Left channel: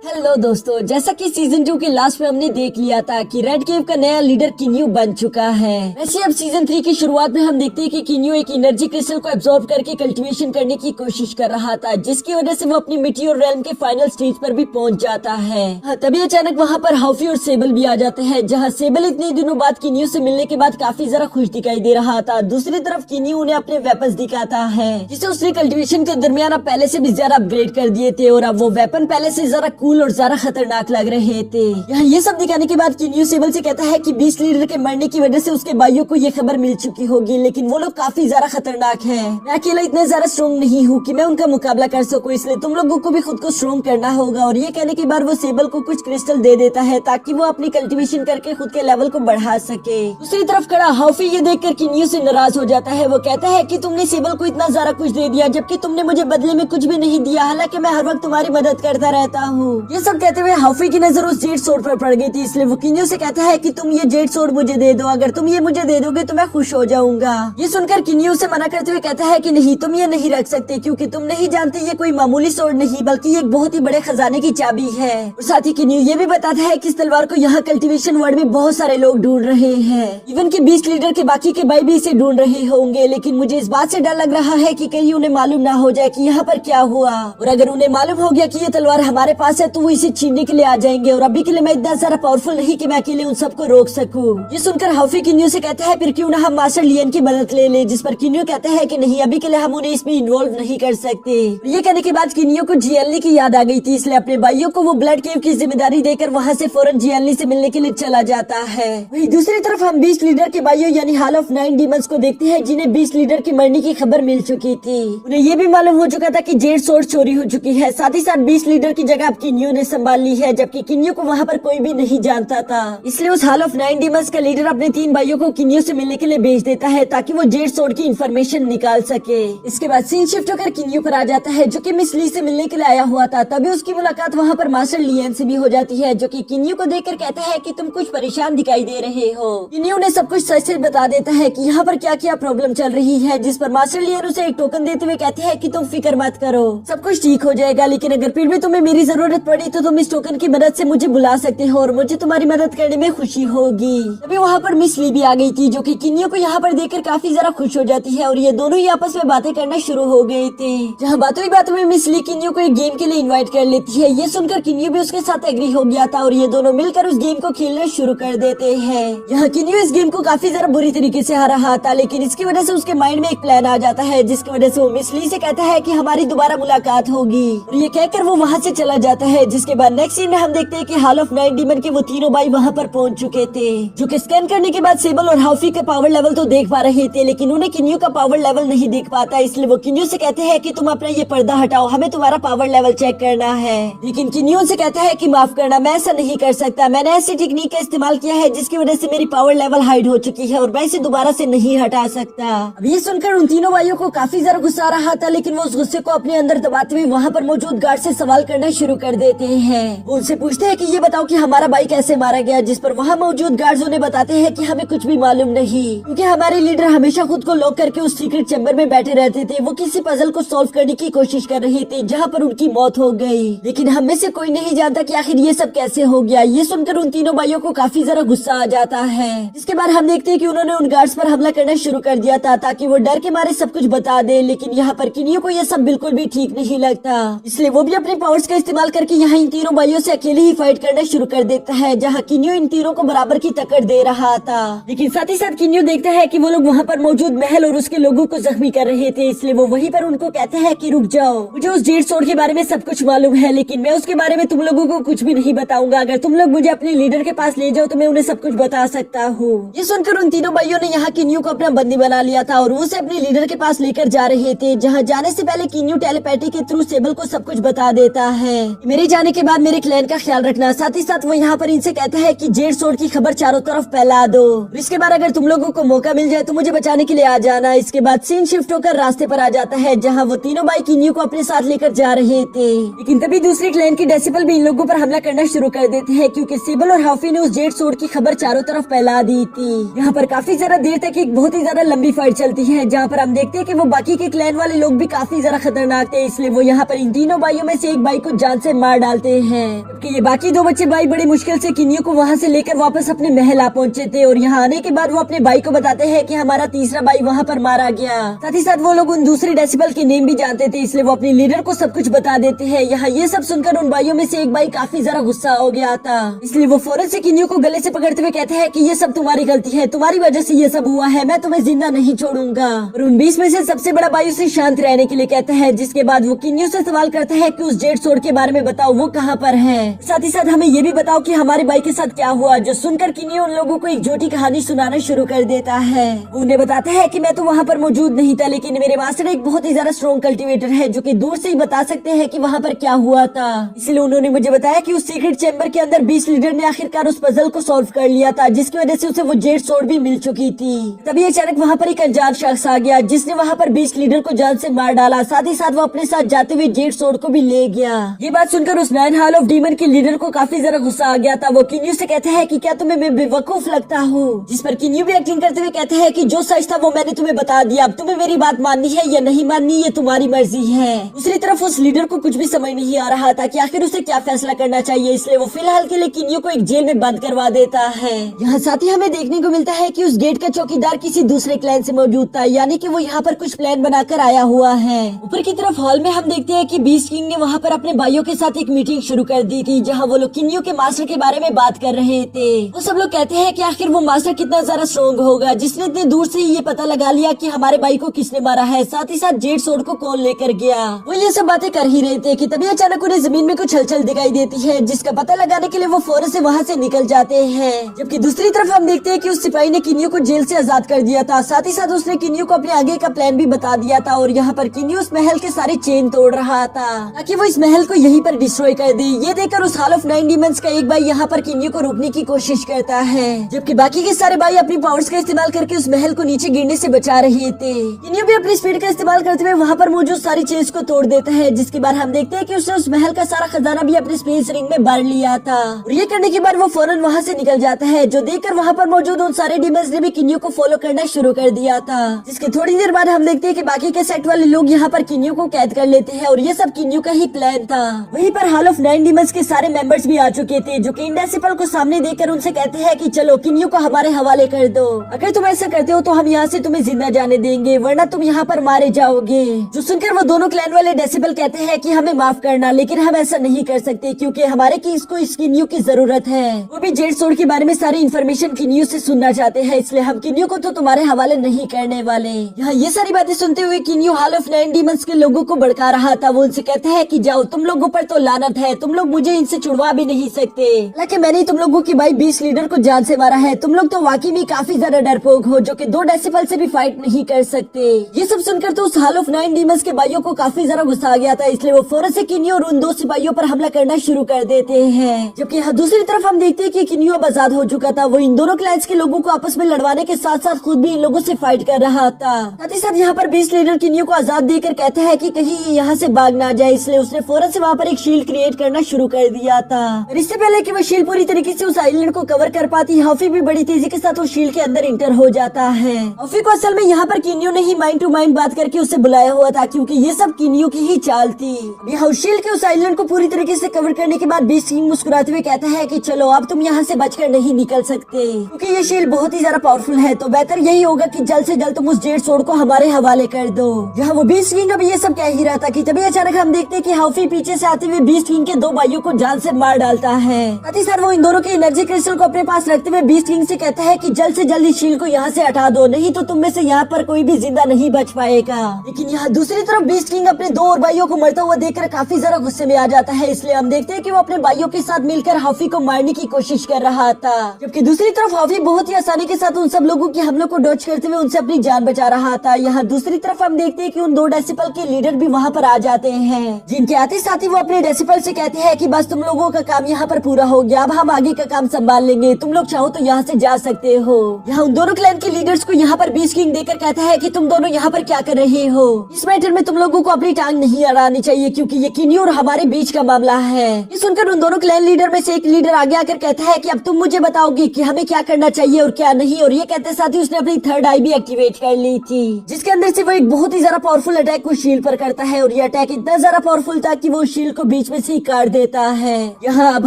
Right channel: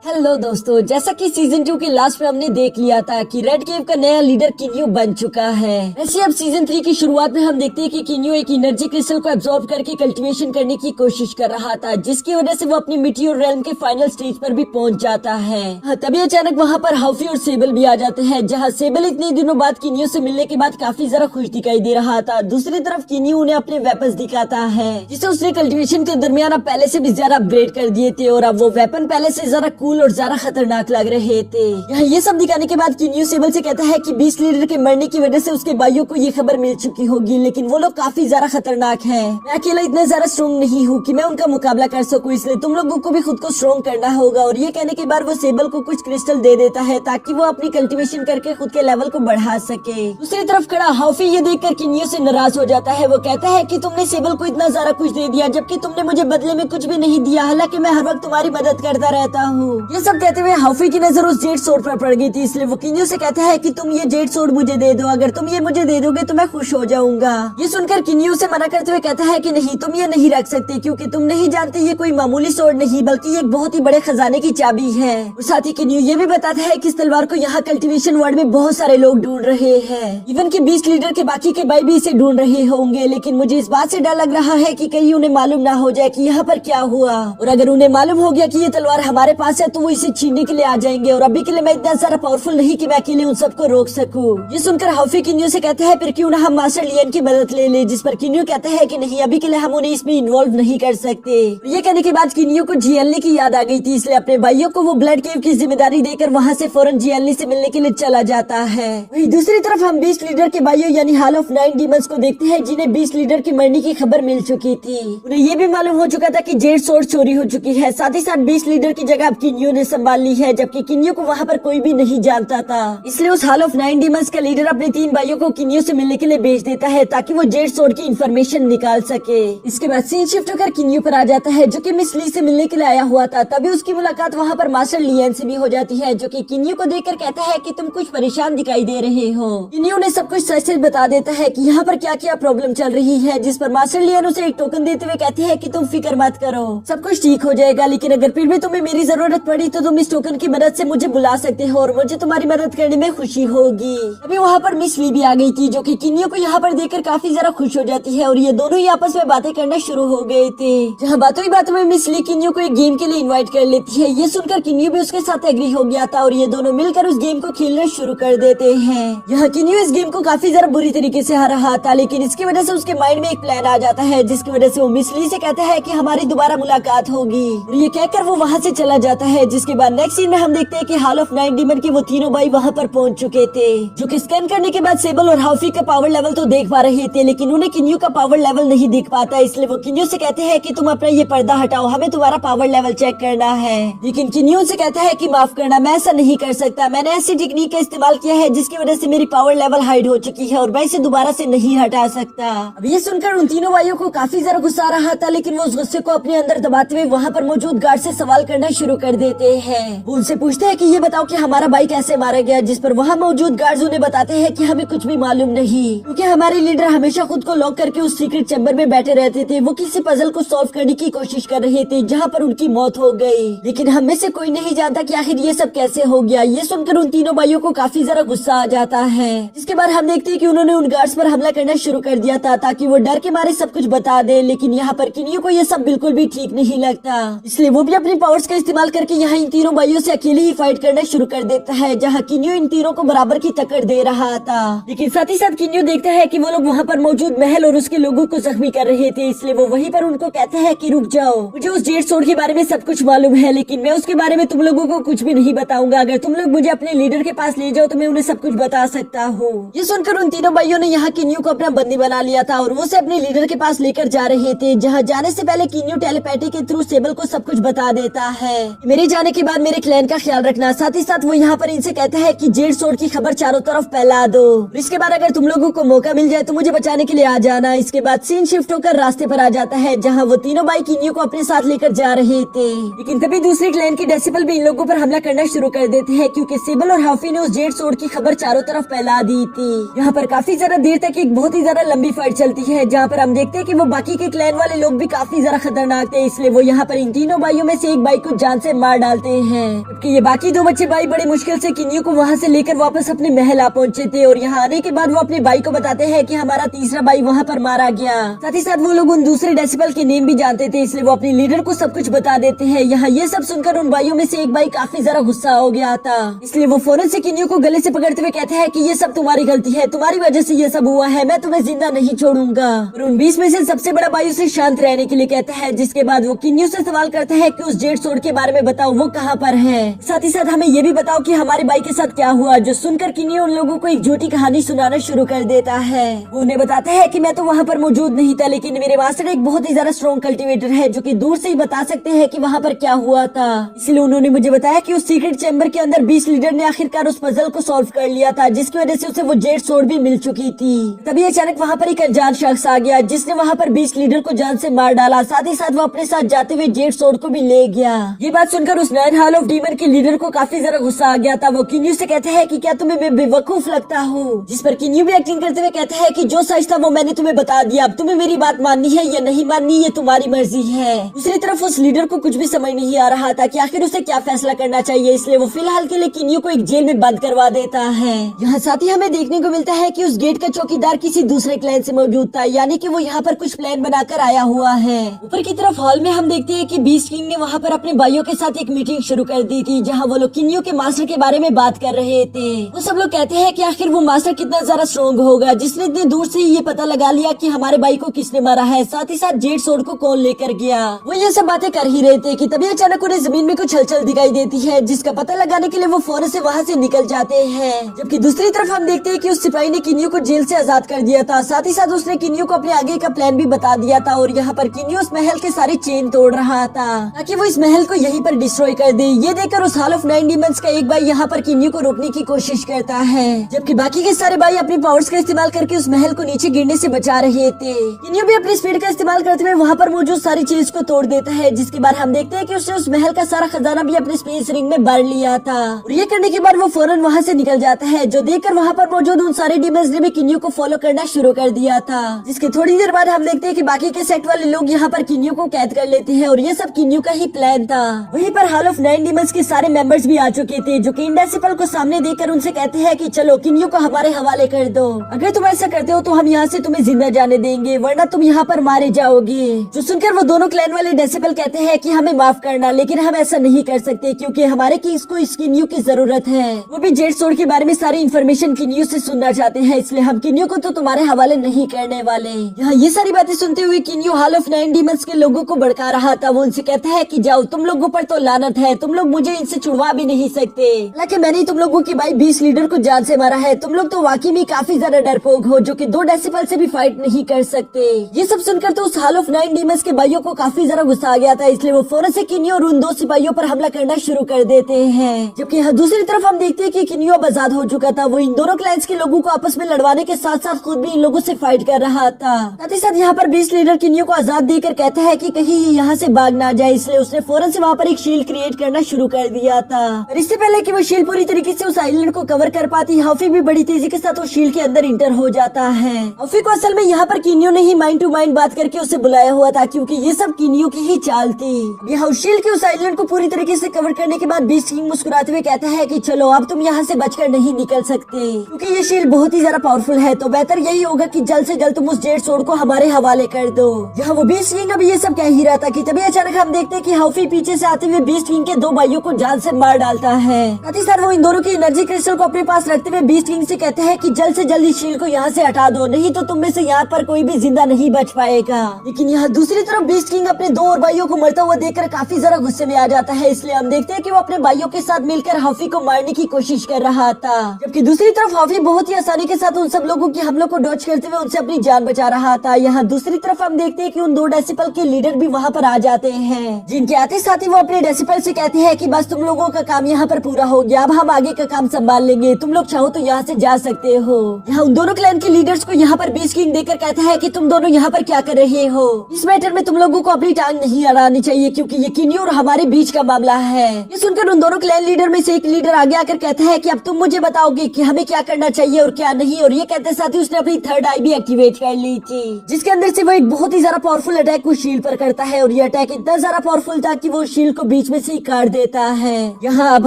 Hello दोस्तों, जैसा कि सीजन 2 के लास्ट में हमने देख लिया था कि रेड केव का नया लीडर किन्यू बन चुका है। वैसे अब सीजन 3 की शुरुआत में हम देखते हैं कि किन्यू एक एनर्जी क्रिस्टल को एब्जॉर्ब करके कल्टीवेशन करने की कोशिश कर रहा था, जिसकी वजह से वो अपनी मिट्टी और रेल्म के फाइनल स्टेज पर भी पहुंच जाता है। तभी अचानक वहाँ पर हाफी और सेबल भी आ जाते हैं, जहाँ सेबल इतने दिनों बाद किन्यू से मिलने के बाद काफी जरा खुश दिखाई दे रहा था। दूसरी तरफ किन्यू उन्हें अपने वेपन्स दिखाता है, जिसे उसने कल्टीवेशन के दरमियान अब पहले से भी ज्यादा अपग्रेड कर दिए थे और अब वो वेपन पहले से जरा कूल और ज्यादा खतरनाक लग रहे थे। यहाँ ये सब दिखाने के बाद किन्यू सेबल से कहता है कि बीस्ट लीडर के मरने की वजह से उसके भाइयों को ये खबर मिल चुकी होगी, लेकिन वो लोग काफी ज्यादा खतरनाक हैं। मैं अकेला इतना ज्यादा स्ट्रॉन्ग नहीं हूँ कि मैं उनका मुकाबला कर सकूँ, इसलिए तुम लोगों को भी खुद को स्ट्रॉन्ग करना होगा। और ये कहने के बाद वो सेबल को कुछ क्रिस्टल दे देता है ताकि वो अपनी कल्टीवेशन करके खुद के लेवल को बढ़ा सके। दूसरी तरफ खड़ा हाफी ये देखकर किन्यू से नाराज हो जाता है। वो कहता है कि तुमने सेबल को इतना ज्यादा कुछ दे दिया, जबकि तुमने मुझे बदले में कुछ भी नहीं दिया, हालांकि मैं हर वक्त तुम्हारी मदद करता रहता हूँ। ये सब कहते हुए हाफी की नजर उस जेड सोर्ड पर पड़ गई थी, इसलिए वो किन्यू से कहता है कि तुम ये जेड सोर्ड मुझे दे दो, अगर तुम ये मुझे दे दोगे तो मैं खुश हो जाऊंगा। ये सुनकर किन्यू से मना करते हुए कहता है कि नहीं, तुम ये नहीं रख सकते, क्योंकि तुम नहीं जानते ये कोई मामूली सोर्ड नहीं बल्कि एक बहुत ही बड़े खजाने की चाबी है। और साथ ही किन्यू ये भी बताता है कि इस तलवार को यहाँ कल्टीवेशन वर्ल्ड में बहुत सारे लोग ढूंढ रहे हैं, इवन की बीस्ट लीडर के बाकी के भाई भी इसे ढूंढ रहे होंगे। लेकिन मुझे इस बात से डर लग रहा है कि कहीं उन्हें मालूम ना हो जाए कि यहाँ पर क्या हुआ, और अगर उन्हें मालूम हो गया कि ये तलवार हमारे पास है तो वो इसे छीनने के लिए आ जाएंगे, और अभी के लिए मैं इतना ज्यादा पावरफुल नहीं कि मैं अकेले उन सबको रोक सकूं। ये सुनकर हाफी किन्यू से कहता है फिर क्यों ना हम मास्टर लियन की मदद ले लें, जिस पर किन्यू कहता है कि नहीं, अभी के लिए हम उन्हें इसमें इन्वॉल्व नहीं कर सकते। ये कहने के बाद किन्यू को जियलनी की याद आ गई थी, इसलिए अपने भाइयों को वो ब्लड केव की जिम्मेदारी देकर वहाँ से फौरन जियलनी से मिलने के लिए चला जाता है। वही दूसरी तरफ हम बीस्ट लीडर के भाइयों यानी हॉल ऑफ 9 डीमंस को देखते हैं, जिन्हें बीस्ट लीडर के मरने की खबर मिल चुकी थी। उन्हें ये भी मालूम हो चुका था कि जेड सोर्ड चोरी हो चुकी है, साथ ही साथ बीस्ट लीडर की जगह अब किन्यू ने संभाल ली है, जबकि किन्यू को वहाँ पर कोई भी नहीं जानता था। इसलिए उस हॉल ऑफ 9 डीमंस का लीडर अपने 3 भाइयों को किन्यू से मिलने के लिए भेज देता है ताकि वो जेड सोर्ड की इन्फॉर्मेशन निकाल सके। इसके बाद सीन शिफ्ट होकर किन्यू पर आ जाता है, जो कि मिस ली से मिलने के लिए आया हुआ था। तभी उसकी मुलाकात वहाँ पर मास्टर लियन से भी हो जाती है, जो कि किन्यू को देखकर कहता है कि तुम कुछ परेशान दिखाई दे रहे हो। किन्यू ने सब कुछ सच से बता देता है कि यहाँ पर क्या क्या प्रॉब्लम चल रही है, जिस पर मास्टर लियन उसे एक टोकन देते हुए कहते हैं कि तुम फिक्र मत करो, सब कुछ ठीक हो जाएगा, लेकिन अगर फिर भी तुम्हें मेरी जरूरत पड़ी तो तुम इस टोकन की मदद से मुझे बुला सकते हो और मुझे तुम्हारी मदद करने में खुशी होगी। अभी वहाँ पर मिस ली भी आ गई थी, जो कि किन्यू को यहाँ पर देखकर काफी जरा खुश हो जाती है, और ये दोनों ही आपस में बातें करना शुरू हो गए थे। जहाँ बातों ही बातों में मिस ली किन्यू को एक गेम के लिए इनवाइट कर लेती है। ये सुनकर किन्यू भी उसके साथ एग्री हो गया था और ये दोनों मिलकर उस गेम को खेलना शुरू कर देते हैं। यहाँ किन्यू इस गेम को काफी जरा बुरी तरीके से हारा रहा था, लेकिन इसकी वजह से उसके माइंड में एक प्लान आ जाता है, जिसकी वजह से वो मिस ली से कहता है कि हमारी दोबारा मुलाकात होगी, और ये कहकर वो वहाँ से चला जाता है। जिसके बाद नेक्स्ट सीन में हम देखते हैं कि हॉल ऑफ 9 डीमन के वो तीनों भाई वहाँ पर पहुँच चुके थे, जो कि स्कैन करने के बाद सेबल और हाफी का पावर लेवल तो देख पा रहे थे, लेकिन उन्हें किन्यू का पावर लेवल नहीं दिख पाता। इसलिए वो किन्यू से कहते हैं कि तुम अपना ये पर्दा हटाओ, हमें तुम्हारा पावर लेवल चेक करना है। लेकिन किन्यू से कहता है कि माफ करना, मैं ऐसा नहीं कर सकता, मैंने ऐसी टेक्निक का इस्तेमाल किया है जिसकी वजह से मेरी पावर लेवल हाइड हो चुकी है और मैं इसे दोबारा से नहीं हटा सकता। अब ये सुनकर उन तीनों भाइयों को काफी ज्यादा गुस्सा आ रहा था, लेकिन वो उस गुस्से को अपने अंदर दबाते हुए वहाँ पर मौजूद गार्ड से सवाल करना शुरू कर देते हैं। वो उनसे पूछते हैं कि ये बताओ कि हमारा भाई कैसे मारा गया, जिस पर वहाँ मौजूद गार्ड्स उन्हें बताते हैं कि हमें कुछ भी मालूम नहीं, क्योंकि हमारे लीडर हमेशा खुद को लॉक करके उस सीक्रेट चैम्बर में बैठे रहते थे। वो किसी पजल को सॉल्व करने की कोशिश कर रहे थे जहाँ पर उनकी मौत हो गई, लेकिन हम में से कोई नहीं जानता कि आखिर ये सब कैसे हो गया। ये सुनकर उन तीनों भाइयों को काफी जरा गुस्सा आ जाता है। इसके बाद हम देखते हैं कि उन्होंने उन गार्ड्स पर हमला करना शुरू कर दिया था ताकि वो डर के मारे सब कुछ बता दे, लेकिन यहाँ पर किन्यू को ये सब बिल्कुल भी ठीक नहीं लगता, इसलिए वो भी अपनी पावर्स का इस्तेमाल करके यहाँ इन तीनों भाइयों से अकेले ही फाइट करना शुरू कर देता है, जहाँ किन्यू इन तीनों को बराबर की टक्कर दे रहा था। लेकिन साथ ही साथ किन्यू देखता है कि वो लोग वहाँ पर मौजूद महल और उसके लोगों को जख्मी कर रहे थे, इसलिए वो वहीं पर उनको कहते हैं कि रुक जाओ, मुझे उस जेड सोर्ड के बारे में सब कुछ मालूम है, लेकिन मैं उसके बारे में तुम लोगों को कुछ भी नहीं बताऊंगा। अगर तुम लोग मुझे अपने लीडर के पास ले जाओ तो मैं उन्हें सब कुछ बता सकता हूँ। ये सुनकर उन तीनों भाइयों ने यहाँ किन्यू को अपना बंदी बना लिया था और वो उसे अपने लीडर के पास लेकर जा रहे थे, जहाँ जाने से पहले किन्यू टेलीपैथी के थ्रू सेबल को सब कुछ बता देता है। मेरे जाने के बाद मेरे क्लैन का ख्याल रखना, साथ ही साथ वो यहाँ पर इनसे कहता है कि जेड सोर्ड की खबर चारों तरफ फैला दो, इसके बाद अगर तुम लोगों को मौका मिल जाए तो मुझे बचाने के लिए आ जाना। इसके बाद सीन शिफ्ट होकर रास्ते पर आ जाता है, जहाँ वो तीनों भाई किन्यू को अपने साथ लेकर जा रहे थे, लेकिन तभी दूसरे क्लैन के डेसिबल भी इन लोगों पर हमला करना शुरू कर देते हैं, क्योंकि सेबल और हाफी ने उस जेड सोर्ड की खबर चारों तरफ फैला दी थी। यहाँ पर काफी ज्यादा देर तक एक बहुत ही ज्यादा लंबी फाइट चलती है, जहाँ पर हम देखते हैं कि वो बाकी के क्लैन वाले लोग भी काफी ज्यादा खतरनाक थे, इसलिए वो यहाँ पर इन तीनों भाइयों में से एक भाई को जान से मार मार डालते हैं। जबकि ये बाकी दो बच्चे भाई बड़े मुश्किल से किन्यू को वहाँ से लेकर वापस अपने महल आ पहुँचे थे और यहाँ आने के बाद वो अपने भाई को बताते हैं कि हमारा तीसरा भाई वहाँ पर मारा गया। साथ ही साथ वो लोग उन दूसरे डेसिबल के नेम भी जानते थे, इसलिए वो अपने लीडर को सब कुछ बता देते हैं। यहाँ ये सब सुनकर उन भाइयों में से एक भाई काफी ज्यादा गुस्सा हो गया था, इसलिए वो फौरन से किन्यू को गले से पकड़ते हुए कहते हैं कि ये सब तुम्हारी गलती है, तुम्हारी वजह से ये सब हुआ है, मैं तुम्हें जिंदा नहीं छोड़ूंगा। और उन 20 में से सबसे बड़ा भाई उसे शांत रहने के लिए कहता है, जिसके बाद वो किन्यू से सवाल करते हैं कि उस जेड सोर्ड के बारे में बताओ, वो कहाँ पर है। साथ ही साथ हमें ये भी बताओ कि हमारे भाई के साथ क्या हुआ। जो सुनकर किन्यू उन लोगों को एक झूठी कहानी सुनाना शुरू कर देता है। वो उन्हें बताता है कि मैं तो वहाँ पर मौजूद नहीं था, लेकिन मेरे मास्टर एक बहुत ही ज्यादा स्ट्रॉन्ग कल्टीवेटर है जो कि दूर से ही बता सकते हैं कि वहाँ पर क्या हुआ था। इसलिए उन्होंने मुझे बताया कि उस सीक्रेट चैम्बर के अंदर 20 लीडर ने आखिरकार उस पजल को सॉल्व कर लिया था, जिसकी वजह से उसे वो जेड सोर्ड भी मिल चुकी थी। तभी अचानक वहाँ पर एक अनजान शख्स आ गया, जिसने वहाँ पर 20 लीडर को जान से मार डाला। साथ ही साथ वो अपने साथ जाते हुए जेड सोर्ड को भी ले गया। ये बात सुनकर उस 9 हॉल ऑफ डीमन के लीडर को काफी ज्यादा गुस्सा आ गया था। वो किन्यू से कहते हैं कि क्या तुम्हें मैं बेवकूफ लगता हूँ, जिस पर किन्यू भी एक्टिंग करते हुए कहते हैं कि जो सच था वो मैंने तुम्हें बता दिया, अब तुम्हें मेरी बात माननी है या नहीं माननी ये तुम्हारी मर्जी है। दूसरी तरफ उस लीडर को कुछ भी समझ नहीं आ रहा था कि आखिर उसे क्या फैसला करना चाहिए, इसलिए वो फिलहाल के लिए किन्यू को एक जेल में बंद करवा देता है। यहाँ साथ ही हमें देखने को मिलता है कि उस गेट का चौकीदार किसी दूसरे क्लैन से मौजूद था, यानी कि वो यहाँ पर कुछ प्लान बनाकर आया हुआ है। ऊपर की तरफ हॉल में हम देखते हैं कि बीस्ट किंग ने वहाँ पर अपने भाइयों के साथ एक मीटिंग शुरू कर दी थी, जहाँ वो लोग किन्यू के मास्टर के बारे में बात कर रहे थे। वो सब लोग कहते हैं कि आखिर वो मास्टर कितना ज्यादा स्ट्रॉन्ग होगा, जिसने इतने दूर से ये पता लगा लिया कि हमारे भाई को किसने मारा है, साथ ही साथ जेड सोर्ड को कौन लेकर गया। वो ये सब बातें कर ही रहे थे कि तभी अचानक उन्हें जमीन में कुछ हलचल दिखाई देती है, जिसका पता लगाने के लिए वो फौरन से वहाँ से निकल जाते हैं। जबकि दूसरी तरफ हम देखते हैं कि उस सिपाही ने किन्यू को जेल से आजाद कर दिया था, साथ ही साथ उसने किन्यू को अपने आगे का प्लान भी बता दिया था। और यहाँ पर किन्यू उस महल के सारे चेन तोड़ रहा था ताकि वो इस महल को यहीं पर डिस्ट्रॉय कर दे। ये देखकर उस हॉल ऑफ 9 डीमंस का एक भाई यहाँ पर किन्यू को रोकने की कोशिश करता है, जबकि बाकी के सारे भाई अपनी पावर्स का इस्तेमाल करके उस महल को नीचे गिरने से बचा रहे थे। किन्यू भी अपनी स्पीड का इस्तेमाल करते हुए वहाँ पर मौजूद सारी चीज को तोड़ देता है, जिसके बाद हम देखते हैं कि उसने उस महल का सारा खजाना भी अपने स्पेस रिंग में भर लिया था। और ये करने के बाद वो फौरन वहाँ से निकल जाता है, जो देखकर वहाँ पर मौजूद उन सारे डीमंस ने भी किन्यू को फॉलो करना शुरू कर दिया था। जिसके थोड़ी देर बाद हम देखते हैं कि बाकी के सेक्ट वाले लोग यहाँ पर किन्यू को कैद कर लेते हैं और ये सब किन्यू का ही प्लान था। वहीं पर हॉल ऑफ 9 डीमंस के सारे मेंबर्स भी आ चुके थे, जो कि इंडेसिबल को सामने देखकर उनसे कहते हैं कि चलो किन्यू को हमारे हवाले कर दो, अगर तुम ऐसा करते हो तो हम यहाँ से तुम्हें जिंदा जाने देंगे, वरना तुम यहाँ पर मारे जाओगे। जो सुनकर वो दोनों क्लैन वाले डेसिबल कहते हैं कि हमें माफ करना, लेकिन हम ऐसा नहीं कर सकते क्योंकि हमारे केस को इस किन्यू की जरूरत है। वो भी जेड सोर्ड के बारे में सारी इन्फॉर्मेशन किन्यू से सुनना चाहते हैं, इसलिए हम किन्यू को तो तुम्हारे हवाले नहीं करने वाले। यहाँ ये सारी बातें सुनते हुए किन्यू हॉल ऑफ 9 डीमंस के लोगों को भड़का रहा था। वो उनसे कहता है कि जाओ, तुम लोगों पर तो लानत है, तुम लोग मुझे इनसे छुड़वा भी नहीं सकते। हालांकि मैंने तुम लोगों के भाई 20 लीडर को जान से मारा है, तुम लोग तो वाकई में काफी ज्यादा डरपोक हो, जो कि 2 डेसिबल से भी फाइट नहीं कर सकते। ये सब सुनकर तो उस हॉल ऑफ 9 डीमंस के भाइयों को काफी ज्यादा गुस्सा आ गया था, इसलिए वो फौरन से किन्यू और उन 2 सिपाहियों पर हमला करना शुरू कर देते हैं। जबकि यहाँ दूसरी तरफ हम देखते हैं कि किन्यू अब आजाद हो चुका था। वो इन दोनों क्लैंस के लोगों को आपस में लड़वाने के साथ साथ खुद भी इन लोगों से फाइट कर रहा था। साथ ही साथ यहाँ पर 20 लीडर किन्यू को आजाद देकर कहते हैं कि कहीं यहाँ से भाग ना जाए, इसलिए उसने फौरन से वहाँ पर एक शील्ड क्रिएट करना शुरू कर दिया था। और इससे पहले कि वो शील्ड पूरी तरीके से उस आइलैंड को कवर कर पाती, हॉफी भी बड़ी तेजी के साथ उस शील्ड के अंदर इंटर हो जाता है। हॉफी को असल में यहाँ पर किन्यू ने ही माइंड टू माइंड बात करके उसे बुलाया हुआ था, क्योंकि ये सब किन्यू की ही चाल थी। यहाँ उस शील्ड के उस आइलैंड को पूरी तरीके से कवर करने के बाद बीस्ट किंग मुस्कुराते हुए कहता है कि चलो अब तुम यहाँ से बचकर नहीं निकल सकते, क्योंकि ये शील्ड बहुत ही ज्यादा पावरफुल है, तो बेहतर यही होगा कि जल्द से जल्द तुम उस जेड सोर्ड को हमारे हवाले कर दो। यहाँ वो बीस्ट किंग अभी ये सब कह ही रहा था कि तभी अचानक हम देखते हैं कि हॉफी पीछे से आते हुए बीस्ट किंग के 2 भाइयों को जान से मार डालता है। साथ ही साथ वो इन दोनों की एनर्जी क्रिस्टल को अपने पास रखते हुए बीस्ट किंग से कहते हैं कि जल्द से जल्द इस शील्ड को यहाँ से हटा दो, नहीं तो तुम में से यहाँ पर कोई भी जिंदा नहीं बच पाएगा। लेकिन यहाँ दूसरी तरफ बीस्ट किंग अपने 2 और भाइयों को मरता हुआ देखकर काफी ज्यादा गुस्से में आ जाता है, इसलिए हम देखते हैं कि वो अपने भाइयों के साथ मिलकर हॉफी को मारने की कोशिश कर रहा था। जबकि दूसरी तरफ हॉफी बहुत ही आसानी के साथ उन सब लोगों के हमलों को डॉज करते हुए उनसे अपनी जान बचा रहा था। यहाँ दूसरी तरफ हम देखते हैं कि उन 2 डेसिबल के लीडर भी वहाँ पर आ जाते हैं, जिनके आते साथ ही वो अपने डेसिबल से कहते हैं कि बस तुम लोगों का काम यहाँ पर पूरा हो गया, अब हम आगे का काम संभाल लेंगे, तुम लोग चाहो तो यहाँ से जा सकते हो। यहाँ उन दोनों क्लैन के लीडर्स को यहाँ पर बीस्ट किंग देकर कहता है कि तुम दोनों यहाँ पर क्या कर रहे हो, इस मैटर में तुम लोगों को अपनी टांग नहीं अड़ानी चाहिए, क्योंकि ये किन्यू और हमारे बीच का मामला है। ये सुनकर उन दोनों क्लैन लीडर में से एक लीडर आगे आकर कहता है कि अब तुम मुझे बताओगे कि हमें क्या करना चाहिए और क्या नहीं। और ये कहते साथ ही उसने अपनी 3rd आई भी एक्टिवेट कर ली थी, जिसके अंदर से वो एक बहुत ही ज्यादा पावरफुल अटैक उस शील्ड पर करता है। और ये अटैक इतना ज्यादा पावरफुल था कि वो शील्ड को बीच बीच में से ही काट देता है। यहाँ अब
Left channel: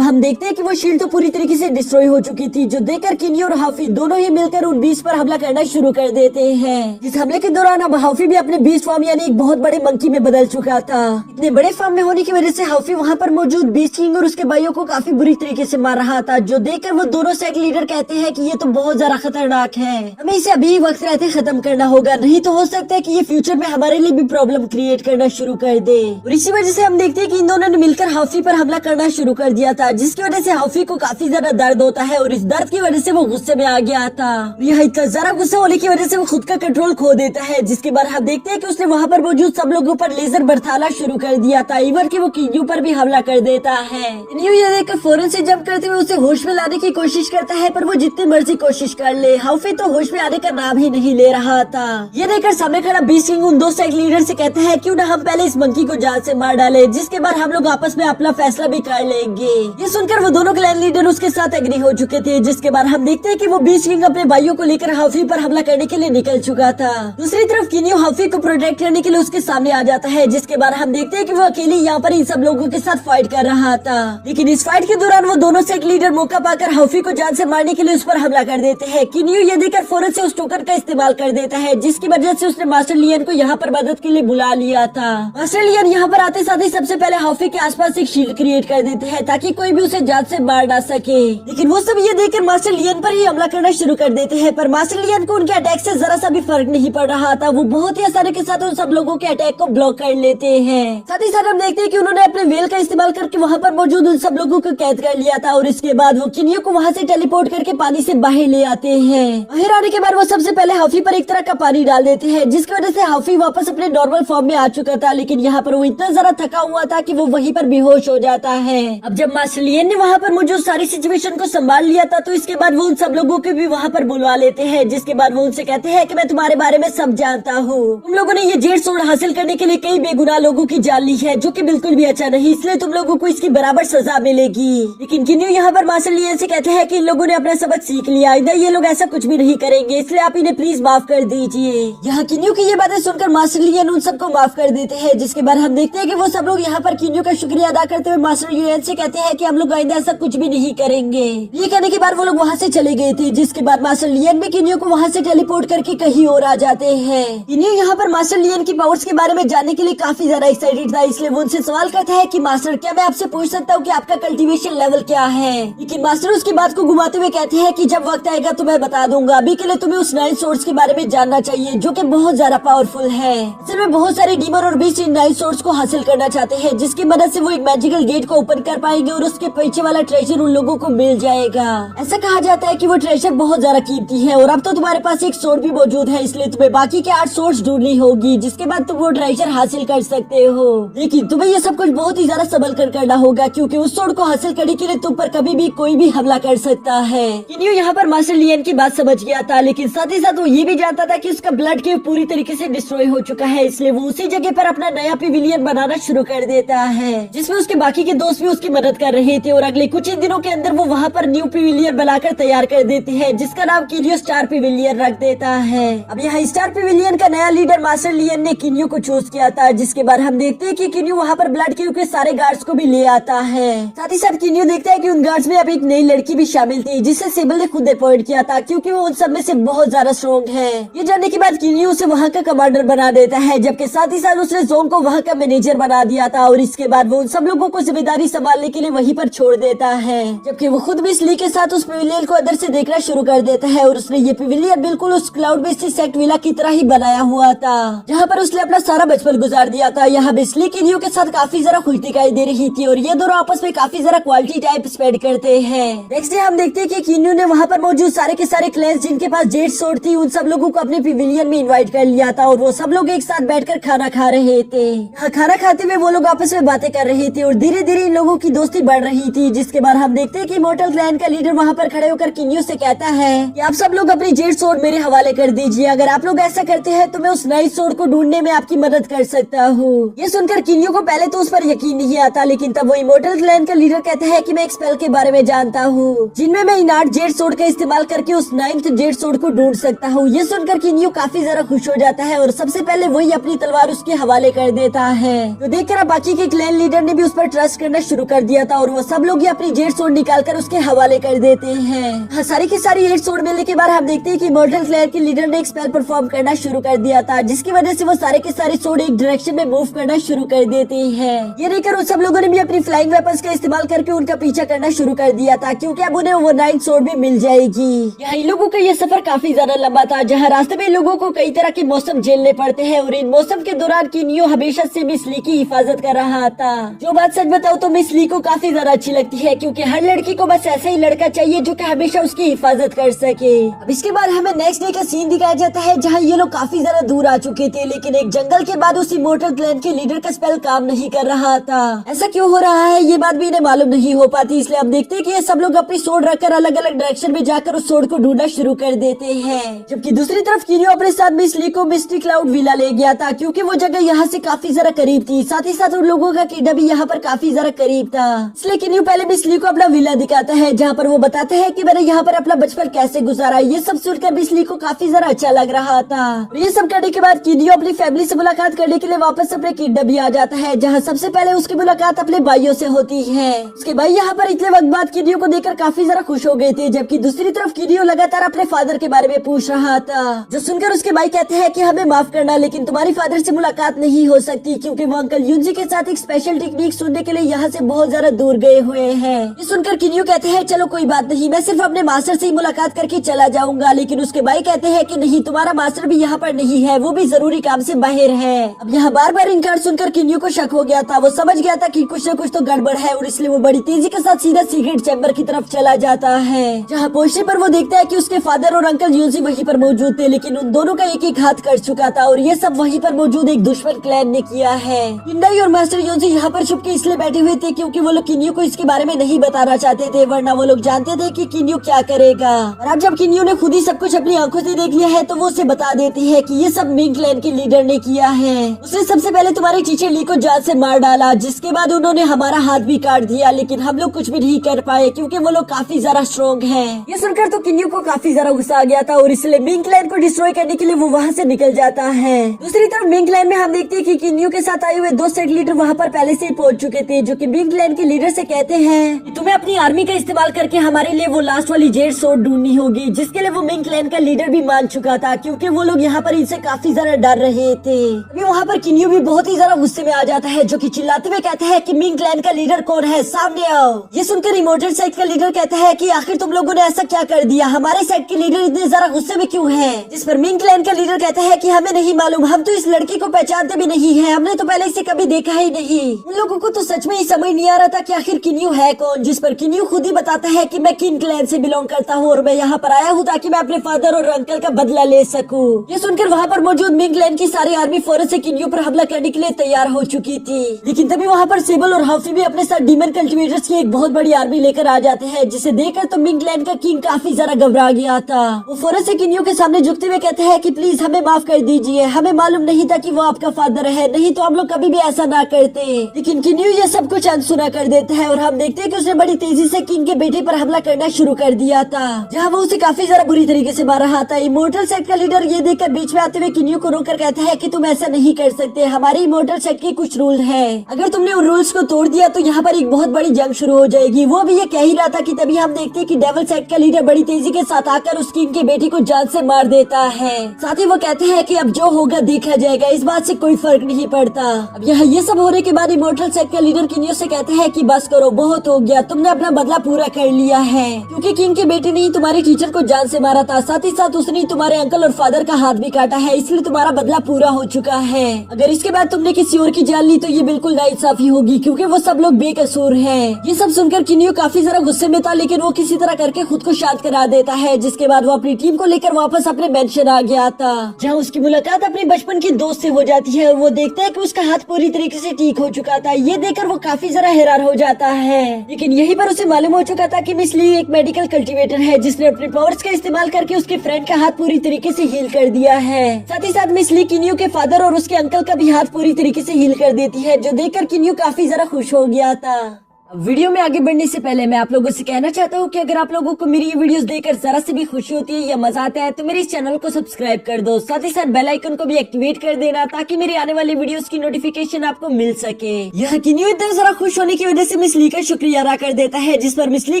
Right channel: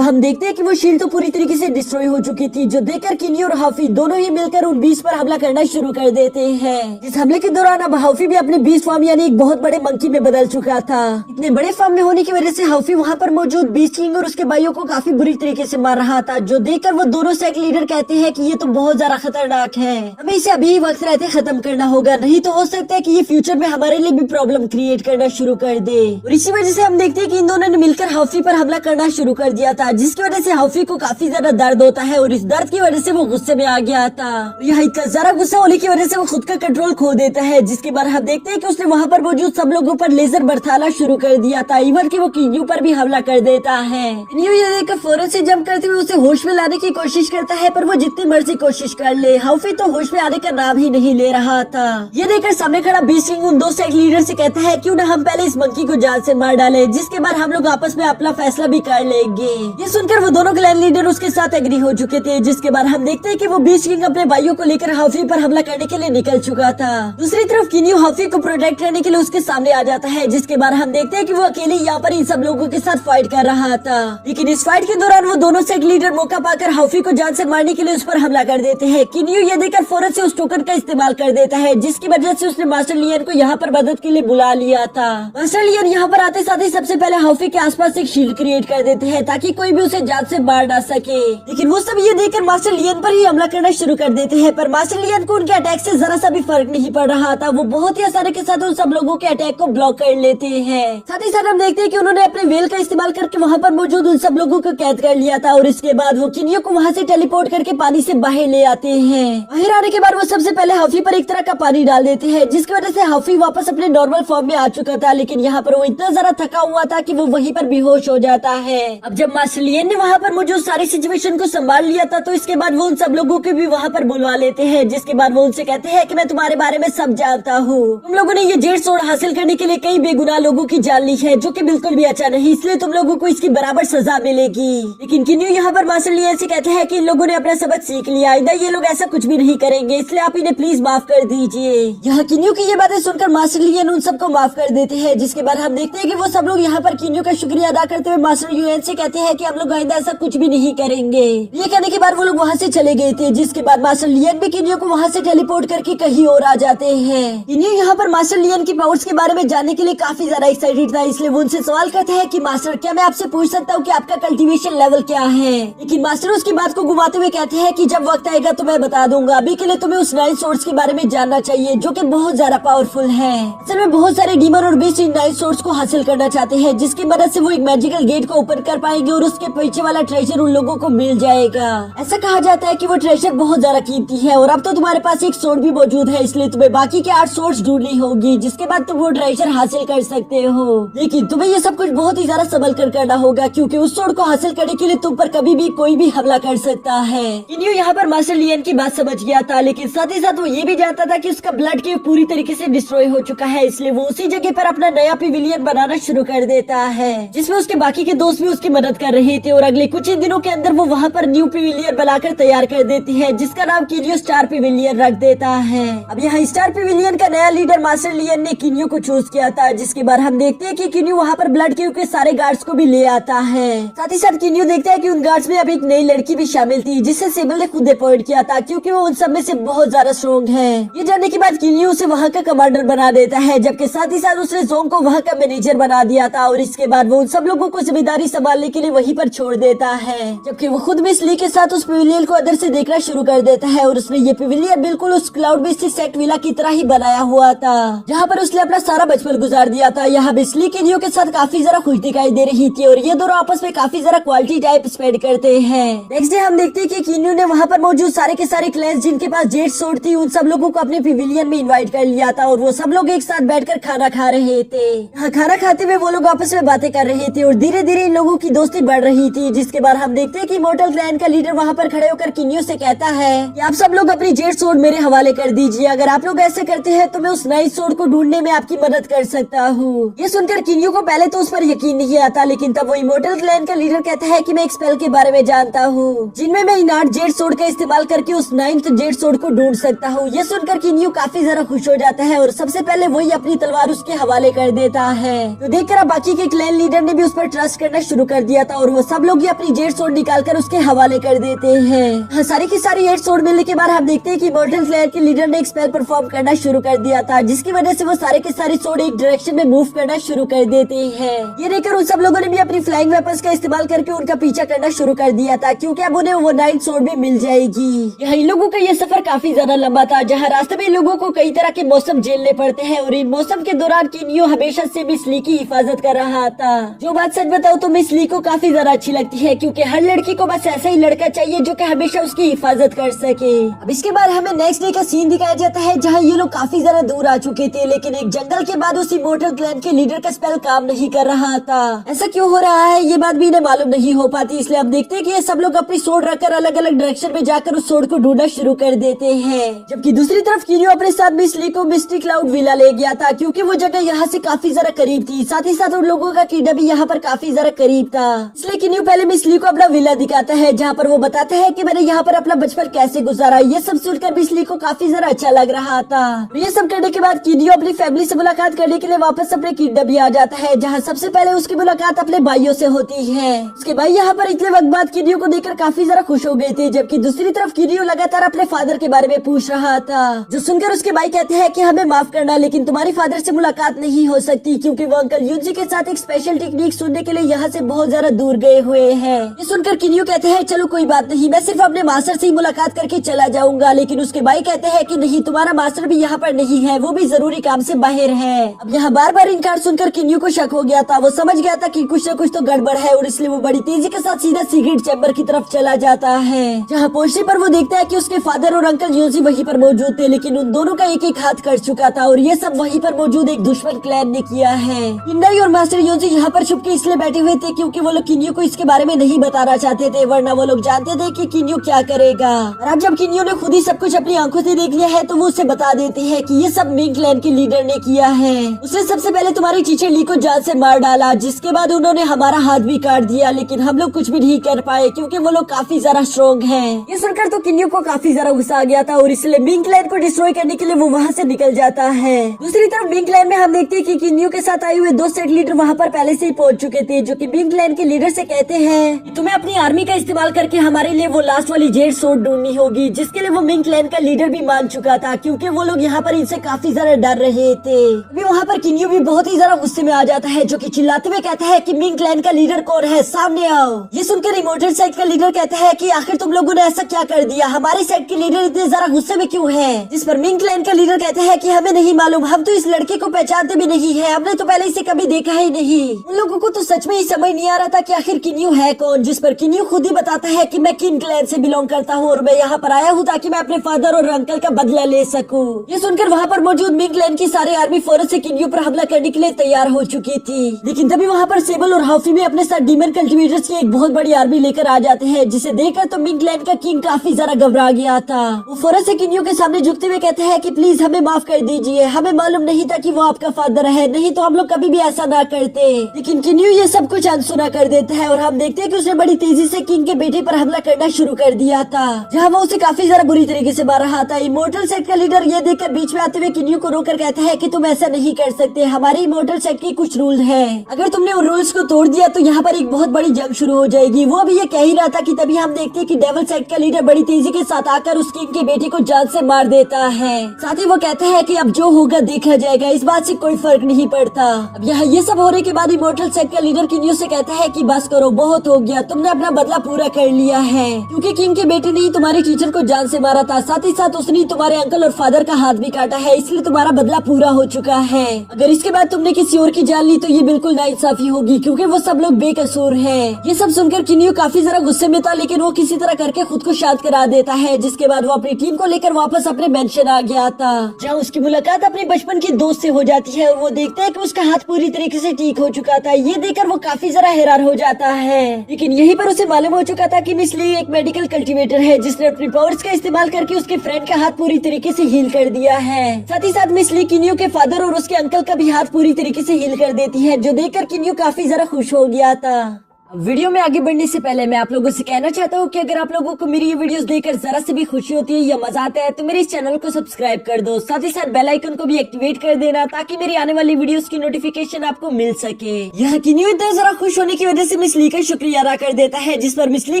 हम देखते हैं कि वो शील्ड तो पूरी तरीके से डिस्ट्रॉय हो चुकी थी, जो देखकर किन्यू और हाफी दोनों ही मिलकर उन बीस्ट पर हमला करना शुरू कर देते हैं। इस हमले के दौरान अब हाफी भी अपने बीस्ट फॉर्म यानी एक बहुत बड़े मंकी में बदल चुका था। इतने बड़े फॉर्म में होने की वजह से हाफी वहाँ पर मौजूद बीस्ट किंग और उसके भाइयों को काफी बुरी तरीके से मार रहा था, जो देखकर वो दोनों सेक्ट लीडर कहते हैं कि ये तो बहुत ज्यादा खतरनाक है, हमें इसे अभी वक्त रहते खत्म करना होगा, नहीं तो हो सकता है कि ये फ्यूचर में हमारे लिए भी प्रॉब्लम क्रिएट करना शुरू कर दे। और इसी वजह से हम देखते हैं कि इन दोनों ने मिलकर हाफी पर हमला करना शुरू कर दिया था, जिसकी वजह से हाफी को काफी ज्यादा दर्द होता है और इस दर्द की वजह से वो गुस्से में आ गया था। यह इतना ज्यादा गुस्सा होने की वजह से वो खुद का कंट्रोल खो देता है, जिसके बाद हम देखते हैं कि उसने वहाँ पर मौजूद सब लोगों पर लेजर बरसाना शुरू कर दिया था, इवन कि वो किन्यू पर भी हमला कर देता है। किन्यू ये देखकर फौरन से जंप करते हुए उसे होश में लाने की कोशिश करता है, पर वो जितने मर्जी कोशिश कर ले हाफी तो होश में आने का नाम ही नहीं ले रहा था। ये देखकर सामने खड़ा बीस्ट किंग उन दो सेक्ट लीडर से कहता है क्यों न हम पहले इस मंकी को जान से मार डाले, जिसके बाद हम लोग आपस में अपना फैसला भी कर लेंगे। ये सुनकर वो दोनों क्लैन लीडर उसके साथ एग्री हो चुके थे, जिसके बाद हम देखते हैं कि वो बीस्ट किंग अपने भाइयों को लेकर हाफी पर हमला करने के लिए निकल चुका था। दूसरी तरफ किन्यू हाफी को प्रोटेक्ट करने के लिए उसके सामने आ जाता है, जिसके बाद हम देखते हैं कि वो अकेले यहाँ पर इन सब लोगों के साथ फाइट कर रहा था। लेकिन इस फाइट के दौरान वो दोनों सेक्ट लीडर मौका पाकर हाफी को जान से मारने के लिए उस पर हमला कर देते हैं। किन्यू ये देखकर फौरन से उस टोकन का इस्तेमाल कर देता है, जिसकी वजह से उसने मास्टर लियन को यहाँ पर मदद के लिए बुला लिया था। मास्टर लियन यहाँ पर आते साथ ही सबसे पहले हाफी के आसपास एक शील्ड क्रिएट कर देते हैं ताकि कोई भी उसे जान से मार ना सके। लेकिन वो सब ये देखकर मास्टर लियन पर ही हमला करना शुरू कर देते हैं, पर मास्टर लियन को उनके अटैक से जरा सा भी फर्क नहीं पड़ रहा था। वो बहुत ही आसानी के साथ उन सब लोगों के अटैक को ब्लॉक कर लेते हैं। साथ ही साथ हम देखते हैं कि उन्होंने अपने वेल का इस्तेमाल करके वहाँ पर मौजूद उन सब लोगों को कैद कर लिया था और इसके बाद वो किन्यू को वहाँ से टेलीपोर्ट करके पानी से बाहर ले आते हैं। बाहर आने के बाद वो सबसे पहले हाफी पर एक तरह का पानी डाल देते हैं, जिसकी वजह से हाफी वापस अपने नॉर्मल फॉर्म में आ चुका था। लेकिन यहाँ पर वो इतना ज्यादा थका हुआ था कि वो वहीं पर बेहोश हो जाता है। अब जब मास्टर लियन ने वहाँ पर मौजूद सारी सिचुएशन को संभाल लिया था, तो इसके बाद वो उन सब लोगों को भी वहाँ पर बुलवा लेते हैं, जिसके बाद वो उनसे कहते हैं कि मैं तुम्हारे बारे में सब जानता हूँ। तुम लोगों ने ये जेड सोर्ड हासिल करने के लिए कई बेगुनाह लोगों की जान ली है, जो कि बिल्कुल भी अच्छा नहीं, इसलिए तुम लोगों को इसकी बराबर सजा मिलेगी। लेकिन किन्यू यहाँ पर मास्टर लियन से कहते हैं कि इन लोगों ने अपना सबक सीख लिया, इधर ये लोग ऐसा कुछ भी नहीं करेंगे, इसलिए आप इन्हें प्लीज माफ कर दीजिए। यहाँ किन्यू की ये बातें सुनकर मास्टर लियन उन सबको माफ कर देते हैं, जिसके बाद हम देखते हैं कि वो सब लोग यहाँ पर किन्यू का शुक्रिया अदा करते हुए मास्टर लियन से कहते हैं कि हम लोग आइंदा ऐसा कुछ भी नहीं करेंगे। ये कहने के बाद वो लोग वहाँ से चले गए थे, जिसके बाद मास्टर लियन भी किन्यू को वहाँ से टेलीपोर्ट करके कहीं और आ जाते हैं। किन्यू यहाँ पर मास्टर लियन की पावर्स के बारे में जानने के लिए काफी ज्यादा एक्साइटेड था, इसलिए वो उनसे सवाल करते हैं कि मास्टर क्या मैं आपसे पूछ सकता हूँ कि आपका कल्टीवेशन लेवल क्या है। लेकिन मास्टर उसकी बात को घुमाते हुए कहते हैं कि जब वक्त आएगा तो मैं बता दूंगा, अभी के लिए तुम्हें उस 9 सोर्स के बारे में जानना चाहिए, जो कि बहुत ज्यादा पावरफुल है। असल में बहुत सारे डीमन और बीस्ट इन 9 सोर्स को हासिल करना चाहते हैं, जिसकी मदद से वो एक मैजिकल गेट को ओपन कर पाएंगे और उसके पीछे वाला ट्रेजर उन लोगों को मिल जाएगा। ऐसा कहा जाता है कि वो ट्रेजर बहुत ज्यादा कीमती है और अब तो तुम्हारे पास एक सोर्ड भी मौजूद है, इसलिए तुम्हें बाकी के 8 सोर्स ढूंढनी होगी, जिसके बाद तुम वो ट्रेजर हासिल कर सकते हो। लेकिन तुम्हें ये सब कुछ बहुत ही ज्यादा संभल कर करना होगा, क्योंकि उस सोर्ड को हासिल करने के लिए तुम पर कभी भी कोई भी हमला कर सकता है। किन्यू यहाँ पर मास्टर लियन की बात समझ गया था, लेकिन साथ ही साथ वो ये भी जानता था कि उसका ब्लड केव पूरी तरीके से डिस्ट्रॉय हो चुका है, इसलिए वो उसी जगह पर अपना नया पिविलियन बनाना शुरू कर देता है, जिसमें उसके बाकी के दोस्त भी उसकी मदद कर रहे थे। और अगले कुछ ही दिनों के अंदर वो वहाँ पर न्यू पिविलियन बनाकर तैयार कर देते हैं, जिसका नाम किन्यू स्टार पिविलियन रख देता है। अब यहाँ स्टार पिविलियन का नया लीडर मास्टर लियन ने किन्यू को चूज किया था, जिसके बाद हम देखते हैं कि किन्यू वहाँ पर ब्लड केव के सारे गार्ड्स को भी ले आता है। साथ ही साथ किन्यू देखता है कि उन गार्ड्स में अब एक नई लड़की भी शामिल थी, जिसे सेबल ने खुद अपॉइंट किया था, क्योंकि वो उन सब में से बहुत ज्यादा स्ट्रॉन्ग है। ये जानने के बाद किन्यू उसे वहाँ का कमांडर बना देता है, जबकि साथ ही साथ उसने जोंग को वहाँ का मैनेजर बना दिया था और इसके बाद वो उन सब लोगों को जिम्मेदारी संभालने के लिए वहीं पर छोड़ देता है। जबकि वो खुद मिस ली के साथ उस पिविलियन को अंदर से देखना शुरू कर देता है और उसने ये पिविलियन बिल्कुल उस क्लाउड बेस से सेट विला की तरह ही बनाया हुआ था, जहाँ पर उसने अपना सारा बचपन गुजार दिया था। यहाँ मिस ली किन्यू के साथ काफी जरा खुश दिखाई दे रही थी और ये दोनों आपस में काफी जरा क्वालिटी टाइप स्पेंड करते हैं। नेक्स्ट डे हम देखते हैं कि किन्यू ने वहाँ पर मौजूद सारे के सारे क्लैंस जिनके पास जेड सोर्ड थी, उन सब लोगों को अपने पिविलियन में इनवाइट कर लिया था और वो सब लोग एक साथ बैठकर खाना खा रहे थे। यहाँ खाना खाते हुए वो लोग आपस में बातें कर रहे थे और धीरे धीरे इन लोगों की दोस्ती बढ़ रही थी, जिसके बाद हम देखते हैं कि इमॉर्टल क्लैन का लीडर वहाँ पर खड़े होकर किन्यू से कहता है कि आप सब लोग अपनी जेड सोर्ड मेरे हवाले कर दीजिए, अगर आप लोग ऐसा करते हैं तो मैं उस 9 सोर्ड को ढूंढने में आपकी मदद कर सकता हूँ। ये सुनकर किन्यू को पहले तो उस पर यकीन नहीं आता, लेकिन तब वो इमॉर्टल क्लैन का लीडर कहता है कि मैं एक स्पेल के बारे में जानता हूँ, जिनमें मैं इन 8 जेड सोर्ड का इस्तेमाल करके उस 9th जेड सोर्ड को ढूंढ सकता हूँ। ये सुनकर किन्यू काफी जरा खुश हो जाता है और सबसे पहले वही अपनी तलवार उसके हवाले कर देता है। तो देखकर अब बाकी के क्लैन लीडर ने भी उस पर ट्रस्ट करना शुरू कर दिया था और वो सब लोग ही अपनी जेड सोड निकालकर उसके हवाले कर देते हैं। हाँ, सारी की सारी जेड सोड मिलने के बाद हम देखते हैं कि इमॉर्टल फ्लेयर के लीडर ने एक स्पेल परफॉर्म करना शुरू कर दिया था, जिसकी वजह से वो सारे के सारे सोड एक डायरेक्शन में मूव करना शुरू कर देते हैं। ये देखकर उन सब लोगों ने भी अपनी फ्लाइंग वेपन्स का इस्तेमाल करके उनका पीछा करना शुरू कर दिया था, क्योंकि अब उन्हें वो 9 सोड भी मिल जाएगी। यहाँ इन लोगों का ये सफर काफी ज्यादा लंबा था, जहाँ रास्ते में लोगों को कई तरह के मौसम झेलने पड़ते हैं और इन मौसम के दौरान किनियो हमेशा से मिस ली की हिफाजत कर रहा था। जो बात सच बताओ तो मिस ली को काफी ज्यादा अच्छी लगती है, क्योंकि हर लड़की को बस ऐसा ही लड़का चाहिए जो कि हमेशा उसकी हिफाजत कर सके। अब इसके बाद हमें नेक्स्ट डे का सीन दिखाया जाता है, जहाँ ये लोग काफी ज्यादा दूर आ चुके थे, लेकिन एक जंगल के बाद उस इमॉर्टल क्लैन के लीडर का स्पेल काम नहीं कर रहा था। ऐसा क्यों हो रहा है ये बात भी इन्हें मालूम नहीं हो पाती, इसलिए हम देखते हैं कि ये सब लोग अपनी सोड रखकर अलग अलग डायरेक्शन में जाकर उस सोड को ढूंढना शुरू कर देते हैं। जबकि दूसरी तरफ किनियो अपने साथ मिस ली को मिस्टी क्लाउड विला ले गया था, क्योंकि वो जगह यहाँ से काफी ज्यादा करीब थी, साथ ही साथ उन लोगों का किडा भी यहाँ पर काफी ज्यादा करीब था। इसलिए किनियो पहले मिस ली को अपना विला दिखाता है, जहाँ पर वो बताते हैं कि मैंने यहाँ पर अपना बचपन कैसे गुजारा। ये सब सुनकर मिस ली को काफी ज्यादा अच्छा लग रहा था। ये सब करने के बाद किनियो अपनी फैमिली से मुलाकात करने के लिए वापस अपने किडा भी आ जाता है, जहाँ सबसे पहले उसकी मुलाकात अपने भाइयों से होती है। उसके भाई यहाँ पर इतने वक्त बाद किनियो को देखकर काफी ज्यादा खुश हो गए थे, जबकि दूसरी तरफ किनियो लगातार अपने फादर के बारे में पूछ रहा था, जो सुनकर उसके भाई कहते हैं कि हमें माफ करना, लेकिन तुम्हारी फादर से मुलाकात नहीं हो सकती, क्योंकि वो अंकल यूजी के साथ एक स्पेशल टेक्निक सुनने के लिए यहाँ से बहुत ज्यादा दूर गए हुए हैं। ये सुनकर किनियो कहते हैं चलो कोई बात नहीं, मैं सिर्फ अपने मास्टर से ही मुलाकात करके चला जाऊंगा, लेकिन उसके भाई कहते हैं कि नहीं, तुम्हारा मास्टर भी यहाँ पर नहीं है, वो भी जरूरी काम से बाहर है। अब यहाँ बार बार इनकार सुनकर किनियो को शक हो गया था, वो समझ गया था कि कुछ न कुछ तो गड़बड़ है और इसलिए वो बड़ी तेजी के साथ सीधा सीक्रेट चैम्बर की तरफ चला जाता है। जहाँ पहुँचने पर वो देखता है कि उसके फादर और अंकल यूजी वहीं पर मौजूद थे, लेकिन उन दोनों का एक एक हाथ कट चुका था और ये सब वहीं पर मौजूद एक दुश्मन क्लैन ने किया है। किंडई और मास्टर यूजी यहाँ पर छुप के इसलिए बैठे हुए थे क्योंकि वो लोग किनियो को इसके बारे में नहीं बताना चाहते थे, वरना वो लोग जानते थे कि किनियो क्या करेगा। और अब जब किनियो ने खुद ही सब कुछ अपनी आंखों से देख लिया है, तो वो उसे बता देते हैं कि ये सब मिंग क्लैन के लीडर ने किया है। उसने सबसे पहले तुम्हारे टीचर ली को जान से मार डाला, जिसके बाद उन्होंने हमारा हाथ भी काट दिया, लेकिन हम लोग कुछ भी नहीं कर पाए क्योंकि वो लोग काफी ज्यादा स्ट्रॉन्ग हैं। ये सुनकर तो किनियो को काफी ज्यादा गुस्सा आ गया था और इसलिए मिंग क्लैन को डिस्ट्रॉय करने के लिए वो वहाँ से निकल जाता है। दूसरी तरफ मिंग क्लैन में हम देखते हैं कि किनियो के साथ आए हुए 2 सेट लीडर वहाँ पर पहले से ही पहुंच चुके थे, जो कि मिंग क्लैन के लीडर से कहते हैं कि तुम्हें अपनी आर्मी का इस्तेमाल करके हमारे लिए वो लास्ट वाली जेड सोड ढूंढनी होगी, जिसके लिए वो मिंग क्लैन का लीडर भी मान चुका था, क्योंकि वो लोग यहाँ पर इनसे काफी ज्यादा डर रहे थे। अभी वहाँ पर किनियो भी बहुत ही ज्यादा गुस्से में आ जाता है, जो कि चिल्लाते हुए कहता है कि मिंग क्लैन का लीडर कौन है, सामने आओ। ये सुनकर इमॉर्टल सेट का लीडर कहता है कि आखिर तुम लोगों ने ऐसा क्या कर दिया, हमारे सेट के लीडर इतने ज्यादा गुस्से में क्यों है। जिस पर मिंग क्लैन का लीडर कहता है कि हमें नहीं मालूम, हम तो इस लड़के को पहचानते भी नहीं है, हमने तो पहले इसे कभी देखा ही नहीं। उन लोगों को तो सच में ही समझ नहीं आ रहा था कि आखिर किनियो है कौन, जिस पर किनियो खुद ही बताता है कि मैं किंग क्लैन से बिलोंग करता हूँ और मैं यहाँ पर आया हूँ ताकि मैं अपने फादर और अंकल का बदला ले सकूँ। ये सुनकर वहाँ पर मौजूद मिंग क्लैन की सारी आर्मी फौरन से किनियो पर हमला करने के लिए तैयार हो चुकी थी, लेकिन तभी वहाँ पर सेबल और हाउफी भी अपने साथ डीमन कल्टिवेटर्स की एक बहुत बड़ी आर्मी लेकर आ जाते हैं, जिसे देखकर तो मिंग क्लैन का किंग काफी ज्यादा घबरा गया था। वो फौरन से किनियो के सामने झुकते हुए कहते हैं कि प्लीज हमें माफ कर दीजिए, हमें मालूम नहीं था कि वो आपका फादर है, नहीं तो हम लोग कभी भी ऐसा ना करते। लेकिन किनियो ये सब कुछ अनसुना कर देता है और हम देखते हैं कि उसने बड़ी तेजी से किंग के बेटे पर हमला करना शुरू कर दिया था, जहाँ वो उसे काफी ज्यादा बुरी तरीके से मार रहा था। इमॉर्टल सेट का लीडर ये देखकर बीच में आते हुए किनियो को रोककर कहता है कि तुम ऐसा नहीं कर सकते, हमारे इमॉर्टल सेट के कुछ रूल है, अगर तुमने उन रूल्स को तोड़ दिया तो यहाँ पर एक बहुत बड़ी जंग शुरू हो जाएगी। वो भी ये कह ही रहा था कि तभी हम देखते हैं कि डेविल सेट का लीडर बड़ी तेजी के साथ आकर उस किंग के बेटे को जान से मार देता है। साथ ही वो कहते हैं कि अब जो होगा देखा जाएगा, इस बात से कोई फर्क नहीं पड़ता। अब यहाँ ये सब होने के बाद इमॉर्टल सेट का लीडर किनियो से कहता है कि बस करो, बहुत हो गया, तुमने अपना बदला पूरा कर लिया है, क्योंकि किंग के बेटे ने ही तुम्हारे टीचर को जान से मारा था, साथ ही साथ उसने तुम्हारे अंकल और फादर का हाथ भी काटा है, इसलिए तुम्हारा बदला पूरा हो चुका है। अगर इसके बाद तुमने किसी और की जान ली तो ये बिल्कुल नाइंसाफी होगी, क्योंकि वो सब लोग बेकसूर हैं। ये सब सुनकर किनियो काफी ज्यादा गुस्से में था, लेकिन वो किसी तरह करके खुद को शांत करा देता है, जिसके बाद वो अपनी टीम को लेकर वापस अपने मेंशन आ गया था, जहाँ उसकी मुलाकात अपने बचपन की दोस्त से हो जाती है और वो देखता है कि उसका हाथ पूरी तरीके से ठीक हो चुका था। ये देखकर वो काफी ज्यादा हैरान हो जाता है, लेकिन यहीं पर उसे मालूम हो चुका था कि मिस ली एक मेडिकल कल्टीवेटर है, जिसने अपनी पावर्स का इस्तेमाल करके उसके फ्रेंड का हाथ पूरी तरीके से हील कर दिया है। साथ ही साथ मिस ली किनियो के फादर और उसके अंकल का भी हाथ पूरी तरीके से हील कर देती है, जो देखकर किनियो काफी ज्यादा खुश हो गया था। वीडियो में आगे बढ़ने से पहले मैं आप लोगों से कहना चाहता हूँ कि अगर आप लोगों को मेरी ये वीडियोस देखकर जरा से भी खुशी होती है या मजा आता है तो मेरे इस चैनल को सब्सक्राइब कर दो, साथ ही साथ बेल आइकन को भी एक्टिवेट कर देना ताकि मेरी आने वाली वीडियोस की नोटिफिकेशन आपको मिल सके। यह किन्यू इतना जरा खुश होने की वजह से मिस ली का शुक्रिया अदा कर देता है, जिस पर मिस ली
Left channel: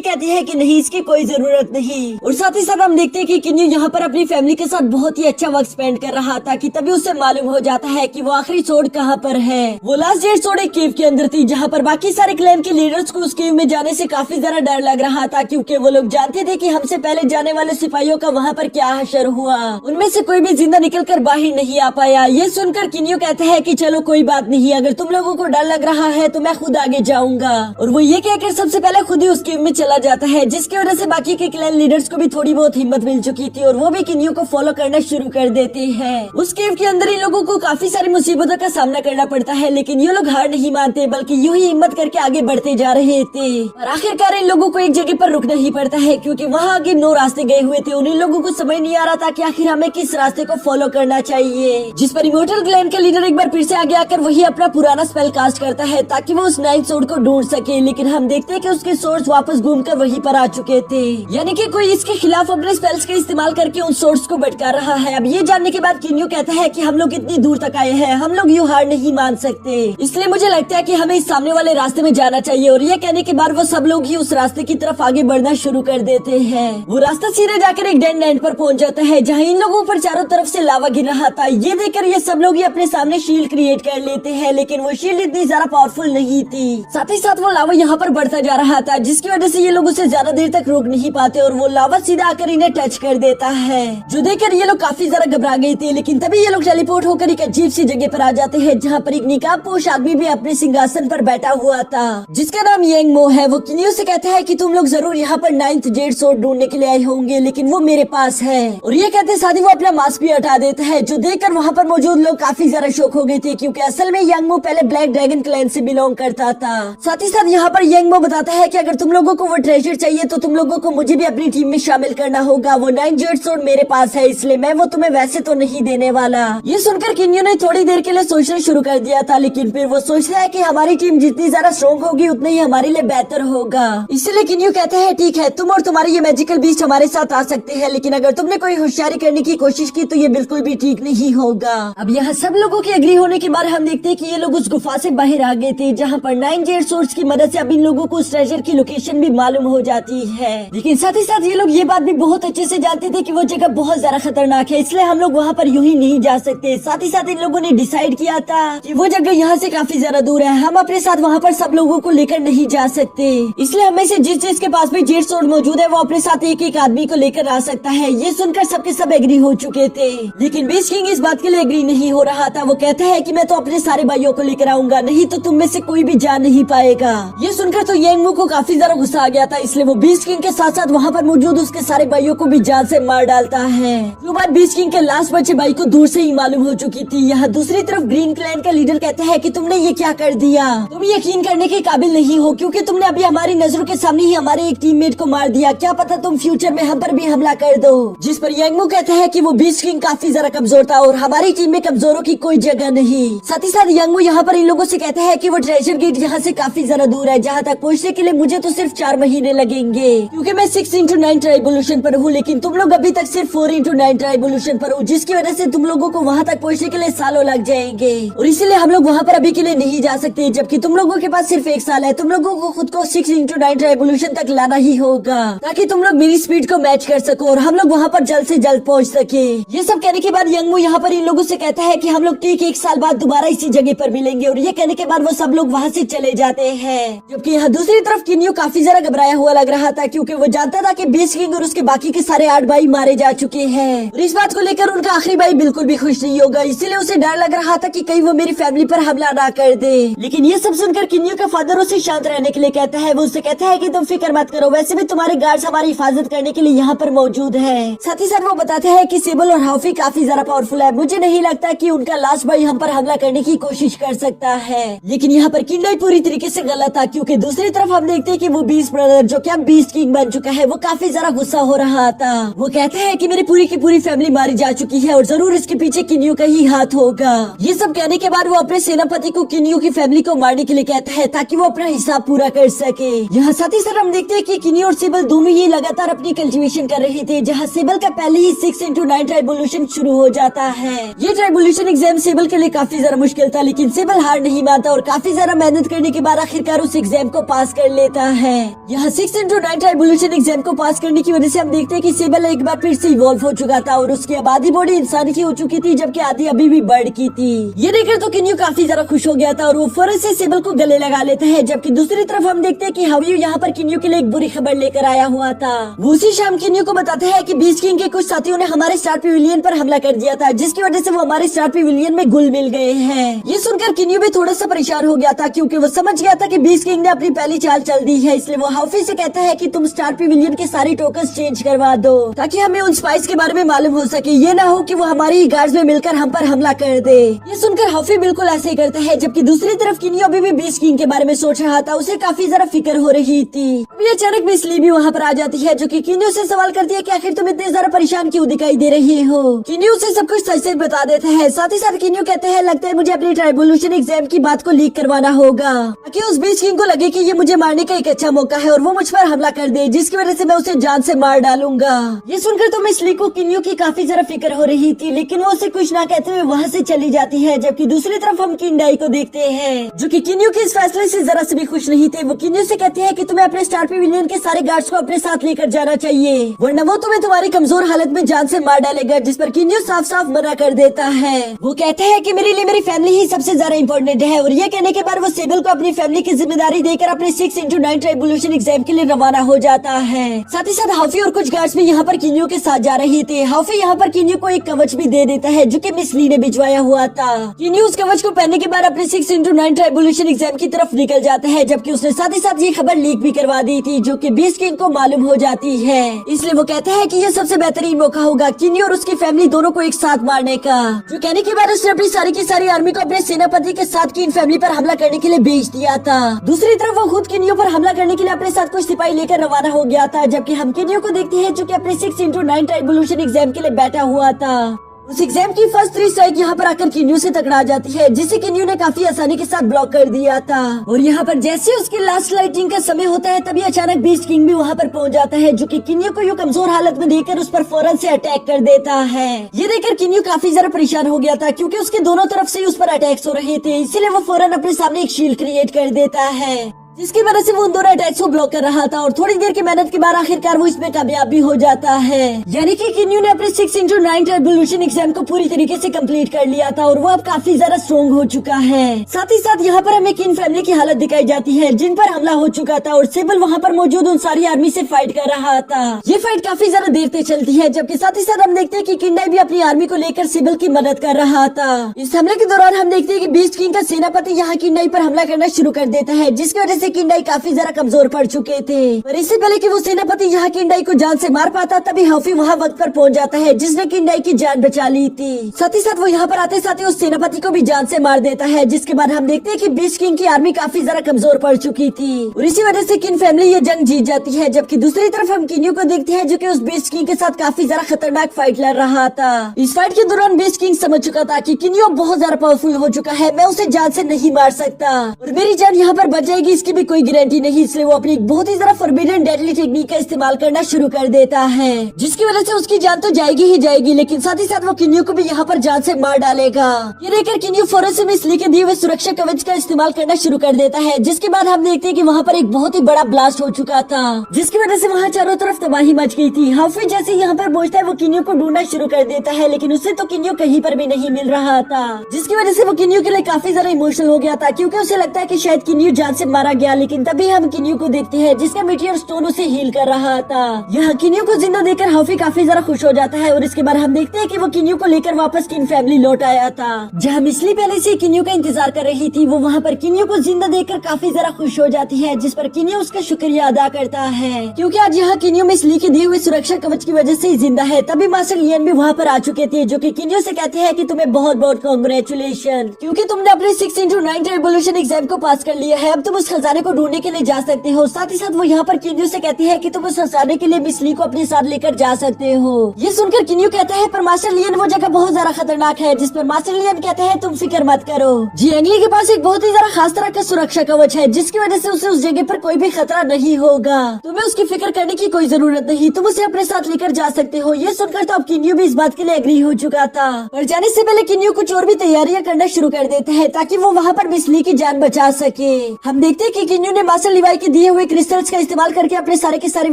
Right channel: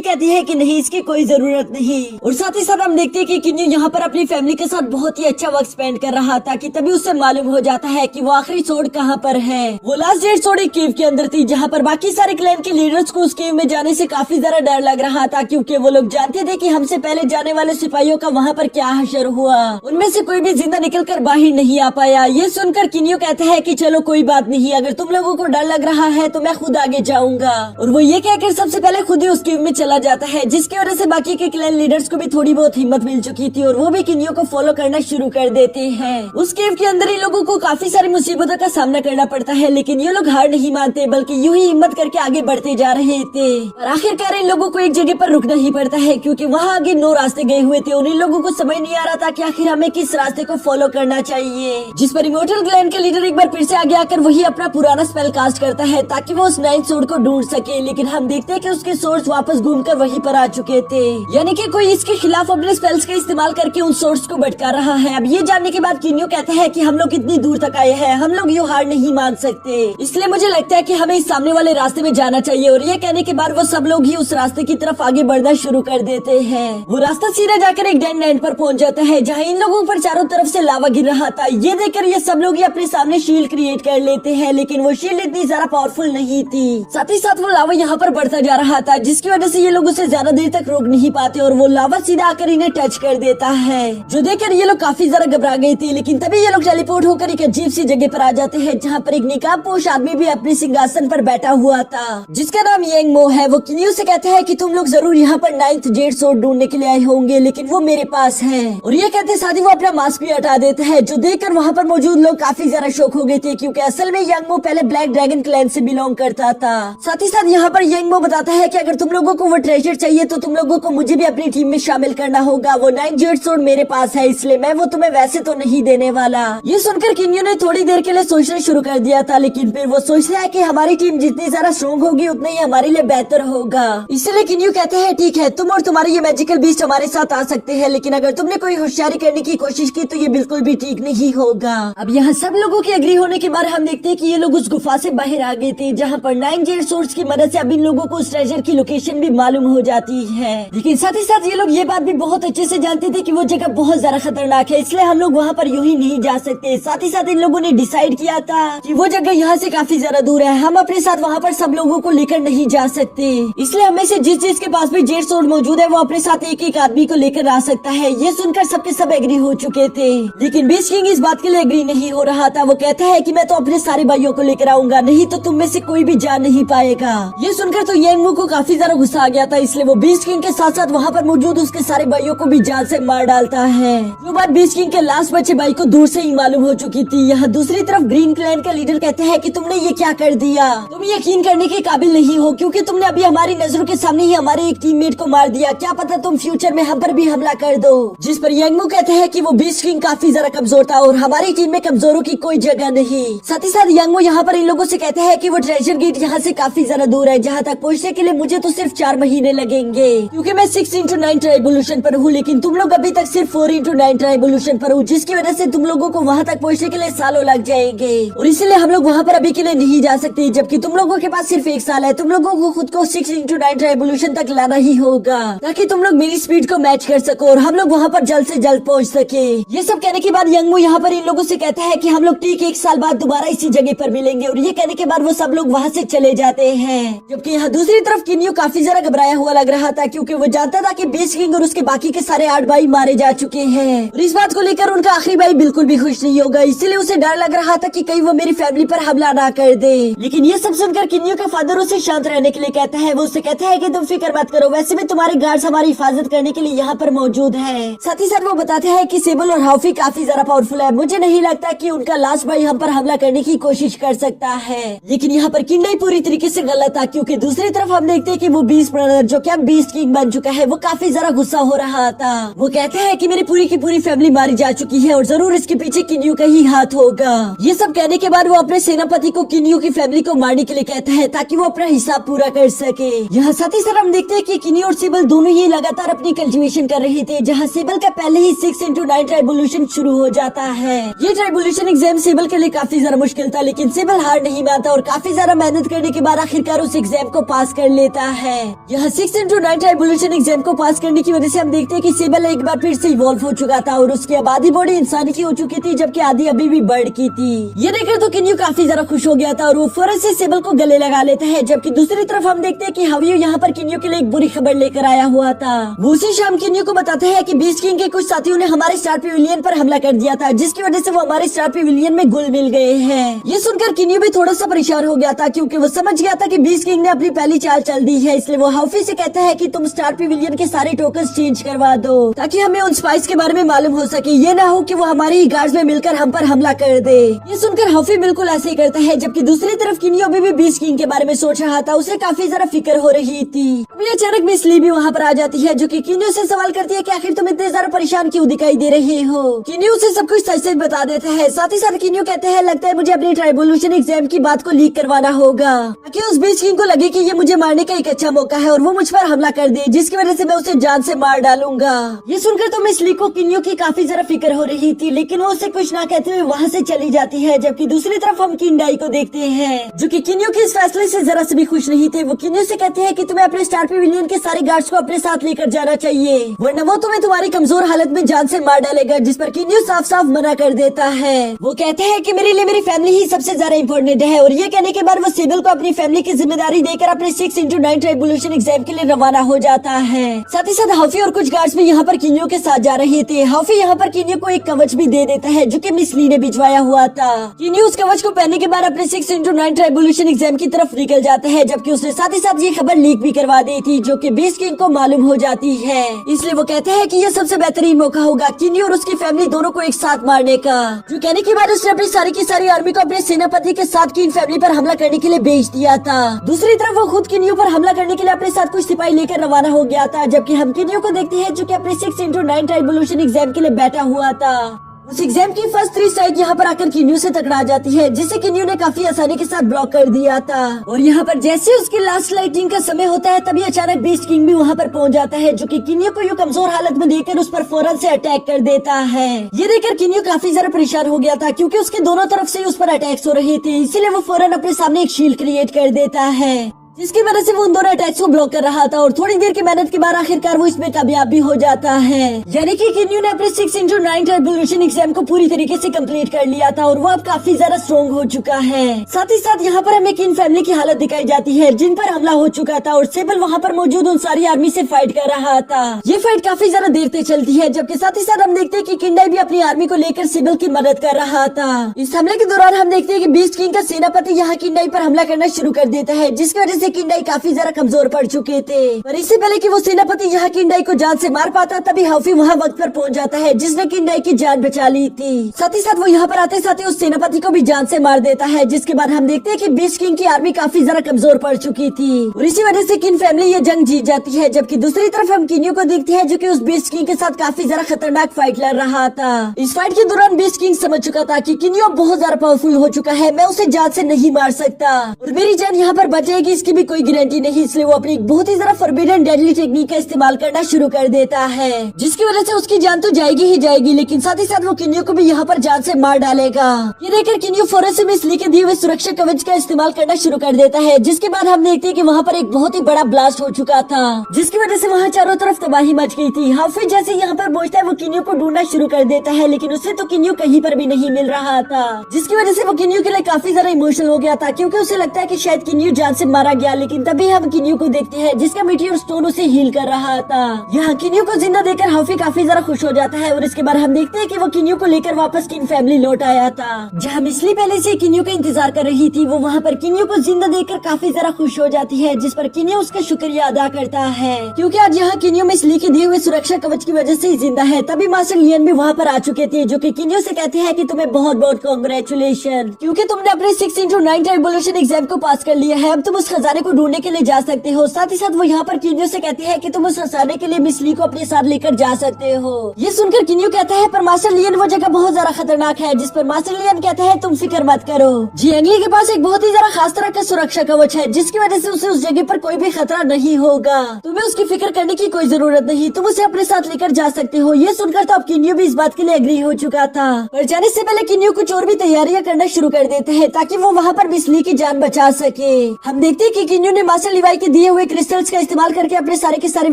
कहती है कि नहीं, इसकी कोई जरूरत नहीं। और साथ ही साथ हम देखते हैं कि किन्यू यहाँ पर अपनी फैमिली के साथ बहुत ही अच्छा वक्त स्पेंड कर रहा था कि तभी उसे मालूम हो जाता है कि वो आखिरी सोड कहाँ पर है। वो लास्ट डेट सोड एक केव के अंदर थी जहाँ पर बाकी सारे क्लैन के लीडर्स को उस केव में जाने से काफी ज्यादा डर लग रहा था, क्योंकि वो लोग जानते थे कि हमसे पहले जाने वाले सिपाहियों का वहाँ पर क्या हशर हुआ। उनमें से कोई भी जिंदा निकल कर बाहर नहीं आ पाया। ये सुनकर किन्यू कहता है कि चलो कोई बात नहीं, अगर तुम लोगों को डर लग रहा है तो मैं खुद आगे जाऊंगा। और वो ये कहकर सबसे पहले खुद ही उस केव में चला जाता है, जिसकी वजह से बाकी के क्लैन लीडर्स को भी थोड़ी बहुत हिम्मत मिल चुकी थी और वो भी किन्यू को फॉलो करना शुरू कर देते हैं। उस केव के अंदर इन लोगों को काफी सारी मुसीबतों का सामना करना पड़ता है, लेकिन ये लोग हार नहीं मानते बल्कि यूं ही हिम्मत करके आगे बढ़ते जा रहे थे। और आखिरकार इन लोगों को एक जगह पर रुकना ही पड़ता है, क्योंकि वहाँ आगे 9 रास्ते गए हुए थे और इन लोगों को समझ नहीं आ रहा था कि आखिर हमें किस रास्ते को फॉलो करना चाहिए। जिस पर इमोर्टल क्लैन का लीडर एक बार फिर से आगे आकर वही अपना पुराना स्पेल कास्ट करता है ताकि वो उस 9th सोर्ड को ढूंढ सके, लेकिन हम देखते हैं कि उसके सोर्स वापस घूमकर वहीं पर आ चुके थे, यानी कि कोई इसके खिलाफ अपने स्पेल्स का इस्तेमाल करके उन सोर्स को भटका रहा है। अब ये जानने के बाद किन्यू कहता है कि हम लोग इतनी दूर तक आए हैं, हम लोग यूं हार नहीं मान सकते, इसलिए मुझे लगता है कि हमें इस सामने वाले रास्ते में जाना चाहिए। और ये कहने के बाद वो सब लोग ही उस रास्ते की तरफ आगे बढ़ना शुरू कर देते हैं। वो रास्ता सीधा जाकर एक डेड एंड पर पहुंच जाता है जहाँ इन लोगों पर चारों तरफ से लावा गिर रहा था। ये देखकर ये सब लोग ही अपने सामने शील्ड क्रिएट कर लेते हैं, लेकिन वो शील्ड इतनी ज्यादा पावरफुल नहीं थी। साथ ही साथ वो लावा यहाँ पर बढ़ता जा रहा था, जिसकी वजह से ये लोग उसे ज्यादा देर तक रोक नहीं पाते और वो लावा सीधा आकर इन्हें टच कर देता है, जो देखकर ये लोग काफी ज्यादा घबरा गई थी। लेकिन तभी ये लोग टेलीपोर्ट होकर एक अजीब सी जगह पर आ जाते हैं जहाँ पर एक निकाबपोश आदमी भी अपने सिंहासन पर बैठा हुआ था, जिसका नाम यंगमो है। वो किन्यू से कहता है कि तुम लोग जरूर यहाँ पर 9th जेड सोर्ड ढूंढने के लिए आए होंगे, लेकिन वो मेरे पास है। और ये कहते साथ ही वो अपना मास्क भी हटा देता है, जो देखकर वहाँ पर मौजूद लोग काफी ज्यादा शॉक हो गए थे, क्योंकि असल में यंगमो पहले ब्लैक ड्रैगन क्लैन से बिलोंग करता था। साथ ही साथ यहाँ पर यंगमो बताता है कि अगर तुम लोगों को वो ट्रेजर चाहिए तो तुम लोगों को मुझे भी अपनी टीम में शामिल करना होगा। वो 9th जेड सोर्ड मेरे पास है, इसलिए मैं वो तुम्हें वैसे तो नहीं देने वाला। ये सुनकर किन्यू ने थोड़ी देर के लिए सोचना शुरू कर दिया था, लेकिन फिर वो सोचता है कि हमारी टीम जितनी ज्यादा स्ट्रॉन्ग होगी उतना ही हमारे लिए बेहतर होगा। इसलिए किन्यू कहते हैं ठीक है, तुम और तुम्हारे ये मैजिकल बीस्ट हमारे साथ आ सकते हैं, लेकिन अगर तुमने कोई होशियारी करने की कोशिश की तो ये बिल्कुल भी ठीक नहीं होगा। अब यहाँ सब लोगों की एग्री होने के बाद हम देखते हैं कि ये लोग उस गुफा से बाहर आ गए थे, जहाँ पर 9 जेड सोर्ड्स की मदद से अब इन लोगों को उस ट्रेजर की लोकेशन भी मालूम हो जाती है। लेकिन साथ ही साथ ये लोग ये बात भी बहुत अच्छे से जानते थे कि वो जगह बहुत ज्यादा खतरनाक है, इसलिए हम लोग वहाँ पर यूं ही नहीं जा सकते। साथ ही साथ इन लोगों ने डिसाइड किया था कि वो जगह यहाँ से काफी ज्यादा दूर है, हम अपने साथ वहाँ पर सब लोगों को लेकर नहीं जा सकते, इसलिए हमें से जिस के पास भी जेड सोर्ड मौजूद है वो अपने साथ एक एक आदमी को लेकर आ सकता है। ये सुनकर सबके सब एग्री हो चुके थे, लेकिन बीस्ट किंग इस बात के लिए एग्री नहीं हो रहा था। वो कहता है कि मैं तो अपने सारे भाइयों को लेकर आऊंगा, नहीं तो तुम में से कोई भी जा नहीं पाएगा। ये सुनकर तो यंगमो को काफी ज्यादा गुस्सा आ गया था, इसलिए वो बीस्ट किंग के साथ साथ वहाँ पर मौजूद उसके सारे भाइयों को भी जान से मार डालता है। जो बात बीस्ट किंग के लास्ट बचे भाई को दूर से ही मालूम हो चुकी थी। यहाँ दूसरी तरफ ग्रीन क्लैन का लीडर कहता है कि तुमने ये क्या कर दिया, तुम यकीन करने के काबिल नहीं हो, क्योंकि तुमने अभी हमारी नजरों के सामने ही हमारे एक टीममेट को मार दिया, क्या पता तुम फ्यूचर में हम पर भी हमला कर दो। जिस पर यंगमो कहता है कि वो बीस्ट किंग काफी ज्यादा कमजोर था और हमारी टीम में कमजोरों की कोई जगह नहीं। साथ ही साथ यंगमो यहाँ पर इन लोगों से कहता है कि वो ट्रेजर गेट यहाँ से काफी ज्यादा दूर है, जहाँ तक पहुँचने के लिए मुझे तो सिर्फ 4 महीने लगेंगे, क्योंकि मैं 6x9 ट्राइबोल्यूशन पर हूँ, लेकिन तुम लोग अभी तक सिर्फ 4x9 ट्राइबोल्यूशन पर हूँ, जिसकी वजह से तुम लोगों को वहाँ तक पहुँचने के लिए सालों लग जाएंगे और इसलिए हम लोग वहाँ पर अभी के लिए नहीं जा सकते, जबकि तुम लोगों के पास सिर्फ 1 साल है। तुम लोगों को खुद को 6x9 ट्राइबोल्यूशन तक लाना ही होगा ताकि तुम लोग मेरी स्पीड को मैच कर सको और हम लोग वहाँ पर जल्द से जल्द पहुँच सके। ये सब कहने के बाद यंगमो यहाँ पर इन लोगों से कहता है कि हम लोग ठीक 1 साल बाद दोबारा इसी जगह पर मिलेंगे, और ये कहने के बाद वो सब लोग वहाँ से चले जाते हैं। जबकि यहाँ दूसरी तरफ किन्यू काफी ज्यादा घबराया हुआ लग रहा था, क्योंकि वो जानता था कि बीस्ट किंग और उसके बाकी के सारे 8 भाई मारे जा चुके हैं और इस बात को लेकर उनका आखिरी भाई बिल्कुल भी खुश नहीं होगा, इसीलिए उसे डर लग रहा था कि कहीं वो मेरी फैमिली पर हमला ना कर दे। लेकिन ये सब सुनकर किन्यू का फादर उसे शांत रहने के लिए कहता है। वो उससे कहता है कि तुम फिक्र मत करो, वैसे भी तुम्हारे गार्ड्स हमारी हिफाजत करने के लिए यहाँ पर मौजूद है। साथ ही साथ वो बताते हैं कि सेबल और हाफी काफी ज्यादा पावरफुल है, मुझे नहीं लगता कि उनका लास्ट भाई हम पर हमला करने की कोशिश कर सकता है। लेकिन यहाँ पर किंडई पूरी तरीके से गलत था, क्योंकि दूसरी तरफ हम देखते हैं कि वो बीस्ट ब्रदर जो क्या बीस्ट किंग बन चुका है, वो काफी ज्यादा गुस्सा हो रहा था। वो कहते हैं कि मेरी पूरी की पूरी फैमिली मारी जा चुकी है और जरूर इसके पीछे किन्यू का ही हाथ होगा। ये सब कहने के बाद वो अपने सेनापति को किन्यू की फैमिली को मारने के लिए कहता है ताकि वो अपना हिसाब पूरा कर सके। यहाँ साथ ही साथ हम देखते हैं कि किन्यू और सिबल दोनों ही लगातार अपनी कल्टीवेशन कर रहे थे, जहाँ सिबल का पहले ही 6x9 ट्राइबुलेशन शुरू हो जाता है। ये ट्राइबुलेशन एग्जाम सिबल के लिए काफी ज्यादा मुश्किल था, लेकिन सिबल हार नहीं मानता और काफी ज्यादा मेहनत करने के बाद आखिरकार उस एग्जाम को पास कर लेता है। यहाँ 6x9 ट्राइबुलेशन एग्जाम को पास करने की वजह से हम देखते हैं कि सिबल एक बार फिर से इवॉल्व हो चुका था और उसकी अब आधी बॉडी इंसान की हो चुकी थी, जबकि आधी अभी भी बर्ड की थी। ये देखकर तो किन्यू काफी ज्यादा खुश हो गया था और वो फौरन से सिबल को गले लगा लेता है। जबकि दूसरी तरफ हम देखते हैं कि हावियो यहाँ पर किन्यू के लिए एक बुरी खबर लेकर आया हुआ था। वो उसी शाम किन्यू को बताता है कि बीस्ट किंग के कुछ साथियों ने हमारे स्टार पेविलियन पर हमला कर दिया था, जिसकी वजह से वो हमारे स्टार पेविलियन में घुल मिल गए हैं। ये सुनकर किन्यू भी थोड़ा सा परेशान हो गया था, क्योंकि वो समझ गया था कि बीस्ट किंग ने अपनी पहली चाल चल दी है। इसलिए वो हाफी से कहता है कि तुम स्टार पेविलियन के सारे टोकन्स चेंज करवा दो, ताकि हमें उन स्पाइस के बारे में मालूम हो सके। ये ना हो कि वो हमारी ही गार्ड्स में मिलकर हम पर हमला कर दे। ये सुनकर हाफी बिल्कुल ऐसे ही करता है। जबकि दूसरी तरफ किन्यू अभी भी बीस्ट किंग के बारे में सोच रहा था, उसे काफी ज्यादा फिक्र हो रही थी। अभी अचानक मिस ली भी वहाँ पर आ जाती है, जो कि किन्यू से सवाल करती है कि आखिर तुम इतने ज्यादा परेशान क्यों दिखाई दे रही हो। किन्यू उसे सब कुछ सच सच बता देता है। साथ ही साथ किन्यू कहते हैं लगता है मुझे अपने ट्राइबुलेशन एग्जाम की बात को लीक करवाना होगा, ताकि उस बीस्ट किंग को लगे कि ये मुझे मारने का एक अच्छा मौका है और वो मुझ पर हमला कर दे, जिसकी वजह से मैं उसे जान से मार डालूंगा। ये सुनकर तो मिस ली को किन्यू की काफी ज्यादा फिक्र हो रही थी, लेकिन वो उसे कुछ ना कहते हुए वहाँ से चली जाती है। जबकि दूसरी तरफ हम किंडाई को देखते हैं, जो कि किन्यू के इस फैसले से जरा से भी खुश नहीं थे। वो किन्यू से कहते हैं कि तुम्हें अपने स्टार पेविलियन के सारे गार्ड्स को अपने साथ लेकर जाना चाहिए, वरना वो तुम्हें तुम्हारी कमजोर हालत में जान से मार डालेगा, जिस पर किन्यू साफ साफ मना कर देता है। वो कहते हैं कि मेरे लिए मेरी फैमिली ही सबसे ज्यादा इम्पोर्टेंट है, और ये कहने के बाद वो सिबल को अपनी फैमिली की जिम्मेदारी देकर अपने 6x9 ट्राइबुलेशन एग्जाम के लिए रवाना हो जाता है। साथ ही साथ हाफी और कुछ गार्ड्स भी यहाँ पर किन्यू के साथ जा रहे थे। हाफी यहाँ पर किन्यू को एक कवच भी दे देता है, जो कि मिस ली ने भिजवाया हुआ था। किन्यू उस कवच को पहनने के बाद अपने 6x9 ट्राइबुलेशन एग्जाम की तरफ निकल जाता है, जबकि उसने साथ ही साथ ये खबर लीक भी करवा दी थी, जो कि बीस्ट किंग को मालूम हो जाती है। इसलिए वो कहते हैं कि ये सबसे बेहतरीन मौका होगा किन्यू और उसकी फैमिली दोनों को एक साथ मारने का। जो कहने के बाद उसने अपनी सारी की सारी आर्मी को अपने सेनापति के साथ किंग फैमिली पर हमला करने के लिए भेज दिया था। दूसरी तरफ वो खुद किन्यू पर हमला करने के लिए अपने साथ कुछ सिपाही लेकर रवाना हो गया था। जबकि हम किन्यू को देखते हैं, जो कि अपने 6x9 ट्राइबुलेशन एग्जाम के लिए बैठा हुआ था। उस एग्जाम की फर्स्ट 3 स्ट्राइक यहाँ पर आकर किन्यू से टकरा जाती है, जिसे किन्यू ने काफी आसानी के साथ ब्लॉक कर दिया था। और यहाँ पर जैसे उसकी लास्ट लाइटिंग का समय होता है, तभी अचानक बीस्ट किंग भी वहाँ पर पहुँच जाता है, जो कि किन्यू को यूँ कमजोर हालत में देखकर उस पर फौरन से अटैक कर देता है। ये देखकर किन्यू काफी ज्यादा परेशान हो गया था, क्योंकि उसके दोनों तरफ से उस पर अटैक्स हो रही थी। इसीलिए वो फौरन अपने सामने एक शील्ड क्रिएट कर देता है, जिसकी वजह से वो उन दोनों अटैक्स को ब्लॉक कर रहा था। और थोड़ी देर की मेहनत के बाद आखिरकार वो इसमें कामयाब भी हो जाता है। यानी कि किन्यू ने अपने 6x9 ट्राइबुलेशन एग्जाम को पूरी तरीके से कंप्लीट कर लिया था और वो अब काफी ज्यादा स्ट्रॉन्ग हो चुका है। साथ ही साथ यहाँ पर हमें किन फैमिली की हालत दिखाई जाती है, जिन पर हमला हो चुका था, और सिबल वहाँ पर मौजूद उन सारी आर्मी से फाइट कर रहा था। ये फाइट काफी ज्यादा देर तक चलती है, जबकि साथ ही साथ हम देखते हैं कि किंडाई भी अपनी आर्मी को लेकर सिबल की मदद कर रहा था। इस हमले के दौरान हम देखते हैं कि बीस्ट किंग का सेनापति यहाँ किंडाई पर हमला करना शुरू कर देता है, जिसकी वजह से किंडाई काफी कमजोर पड़ चुके थे। पर इससे पहले कि वो सेनापति यहाँ किंडाई को जान से मार पाता, तभी हाफी वहाँ वक्त पर पहुँच जाता है, जिसने किंडाई की जान बचा ली थी। साथ ही साथ वो यहाँ पर आते साथ ही उस सेनापति को भी जान से मार देता है, जिसके बाद हम देखते हैं कि बीस्ट किंग की आर्मी काफी ज्यादा कमजोर पड़ चुकी थी और इसी वजह से किन फैमिली ये जंग जीत जाती है। जबकि दूसरी तरफ हम किन्यू को देखते हैं, जो कि उस बीस्ट किंग के साथ काफी ज्यादा खतरनाक फाइट लड़ रहा था। इस फाइट के दौरान बीस्ट किंग समझ चुका था कि किन्यू बहुत ज्यादा पावरफुल हो चुका है, मैं उसे जान से नहीं मार सकता और मेरी जान यहाँ पर बच जाएगी इसकी भी कोई गारंटी नहीं। इसलिए वो अपनी बहुत ही ज्यादा फॉरबिडन डेडली टेक्निक का इस्तेमाल करना शुरू कर देता है, जिसकी वजह से उसकी जान तो जाएगी ही जाएगी, लेकिन साथ ही साथ वो किन्यू को भी यहाँ पर जान से मार डालेगा। ये देखकर किन्यू फौरन से मिस ली के दिए हुए सुरक्षा कवच का इस्तेमाल करना शुरू कर देता है, जिसके बाद हम देखते हैं कि वहाँ पर एक बहुत ही बड़ा ब्लास्ट हो चुका था, जिसकी वजह से वहाँ चारों तरफ तबाही मच गई थी। हाफी जैसे यहाँ पर पहुंचता है, वो किन्यू को ढूंढना शुरू कर देता है, लेकिन उससे तो किन्यू कहीं पर भी नहीं मिल रहा था, जिसकी वजह से वो किन्यू के लिए काफी ज्यादा इमोशनल हो गया था, क्योंकि उसे लगता है कि शायद किन्यू जान से मारा गया। लेकिन तभी हम किन्यू को देखते हैं, जिसका मेटियोर स्टोन उसे हील कर रहा था। यहाँ किन्यू को जिंदा देखकर हाफी काफी ज्यादा खुश हो जाता है और इसके बाद हम देखते हैं कि वो किन्यू को लेकर वापस किन फैमिली लौट आया था, जहाँ मिसली पहले से किन्यू का इंतजार कर रही थी। वो वहाँ पर किन्यू को जिंदा देखकर काफी ज्यादा खुश हो जाती है, जिस पर किन्यू उसका शुक्रिया अदा करता है, क्योंकि आज यहाँ किन्यू मिसली के दिए हुए सुरक्षा कवच की वजह से ही जिंदा है। तभी मास्टर लियन भी वहाँ पर आ चुके थे, जो कि किन्यू से कहते हैं कि तुम्हें बहुत बहुत कांग्रेचुलेशन, क्योंकि तुमने अपने 6x9 ट्राइबुलेशन एग्जाम को पास कर लिया है। अब तुम उस खजाने फसाने को ढूंढने के लिए जा सकते हो। साथ ही साथ वो यहाँ पर किन्यू से कहती है कि तुम उस फसाने के लिए मिस ली को अपने साथ लेकर जा सकते हो। ये सुनकर किन्यू कहता है पर मास्टर लियन वो जगह बहुत ज्यादा खतरनाक है, जिस पर मास्टर लियन कहता है तुम फिक्र मत करो। जियांगली के पास एक बहुत ही ज्यादा खास तरह का सुरक्षा कवच है, जिसकी वजह से उसे उस जगह पर कोई भी खतरा नहीं होगा। तुम्हें उसकी फिक्र करने की कोई जरूरत नहीं, तुम उसे अपने साथ लेकर जा सकते हो। ये सुनकर तो अब किन्यू भी इस बात के लिए एग्री हो चुका था। पर जाने से पहले किन्यू कुछ और भी तैयारियां करना शुरू कर देते हैं ताकि वो वहाँ पर मिस ली की जान बचा सके। हम देखते हैं कि किन्यू ने मास्टर लिवाई के दिए हुए क्रिस्टल्स का इस्तेमाल करके अपने सारे के सारे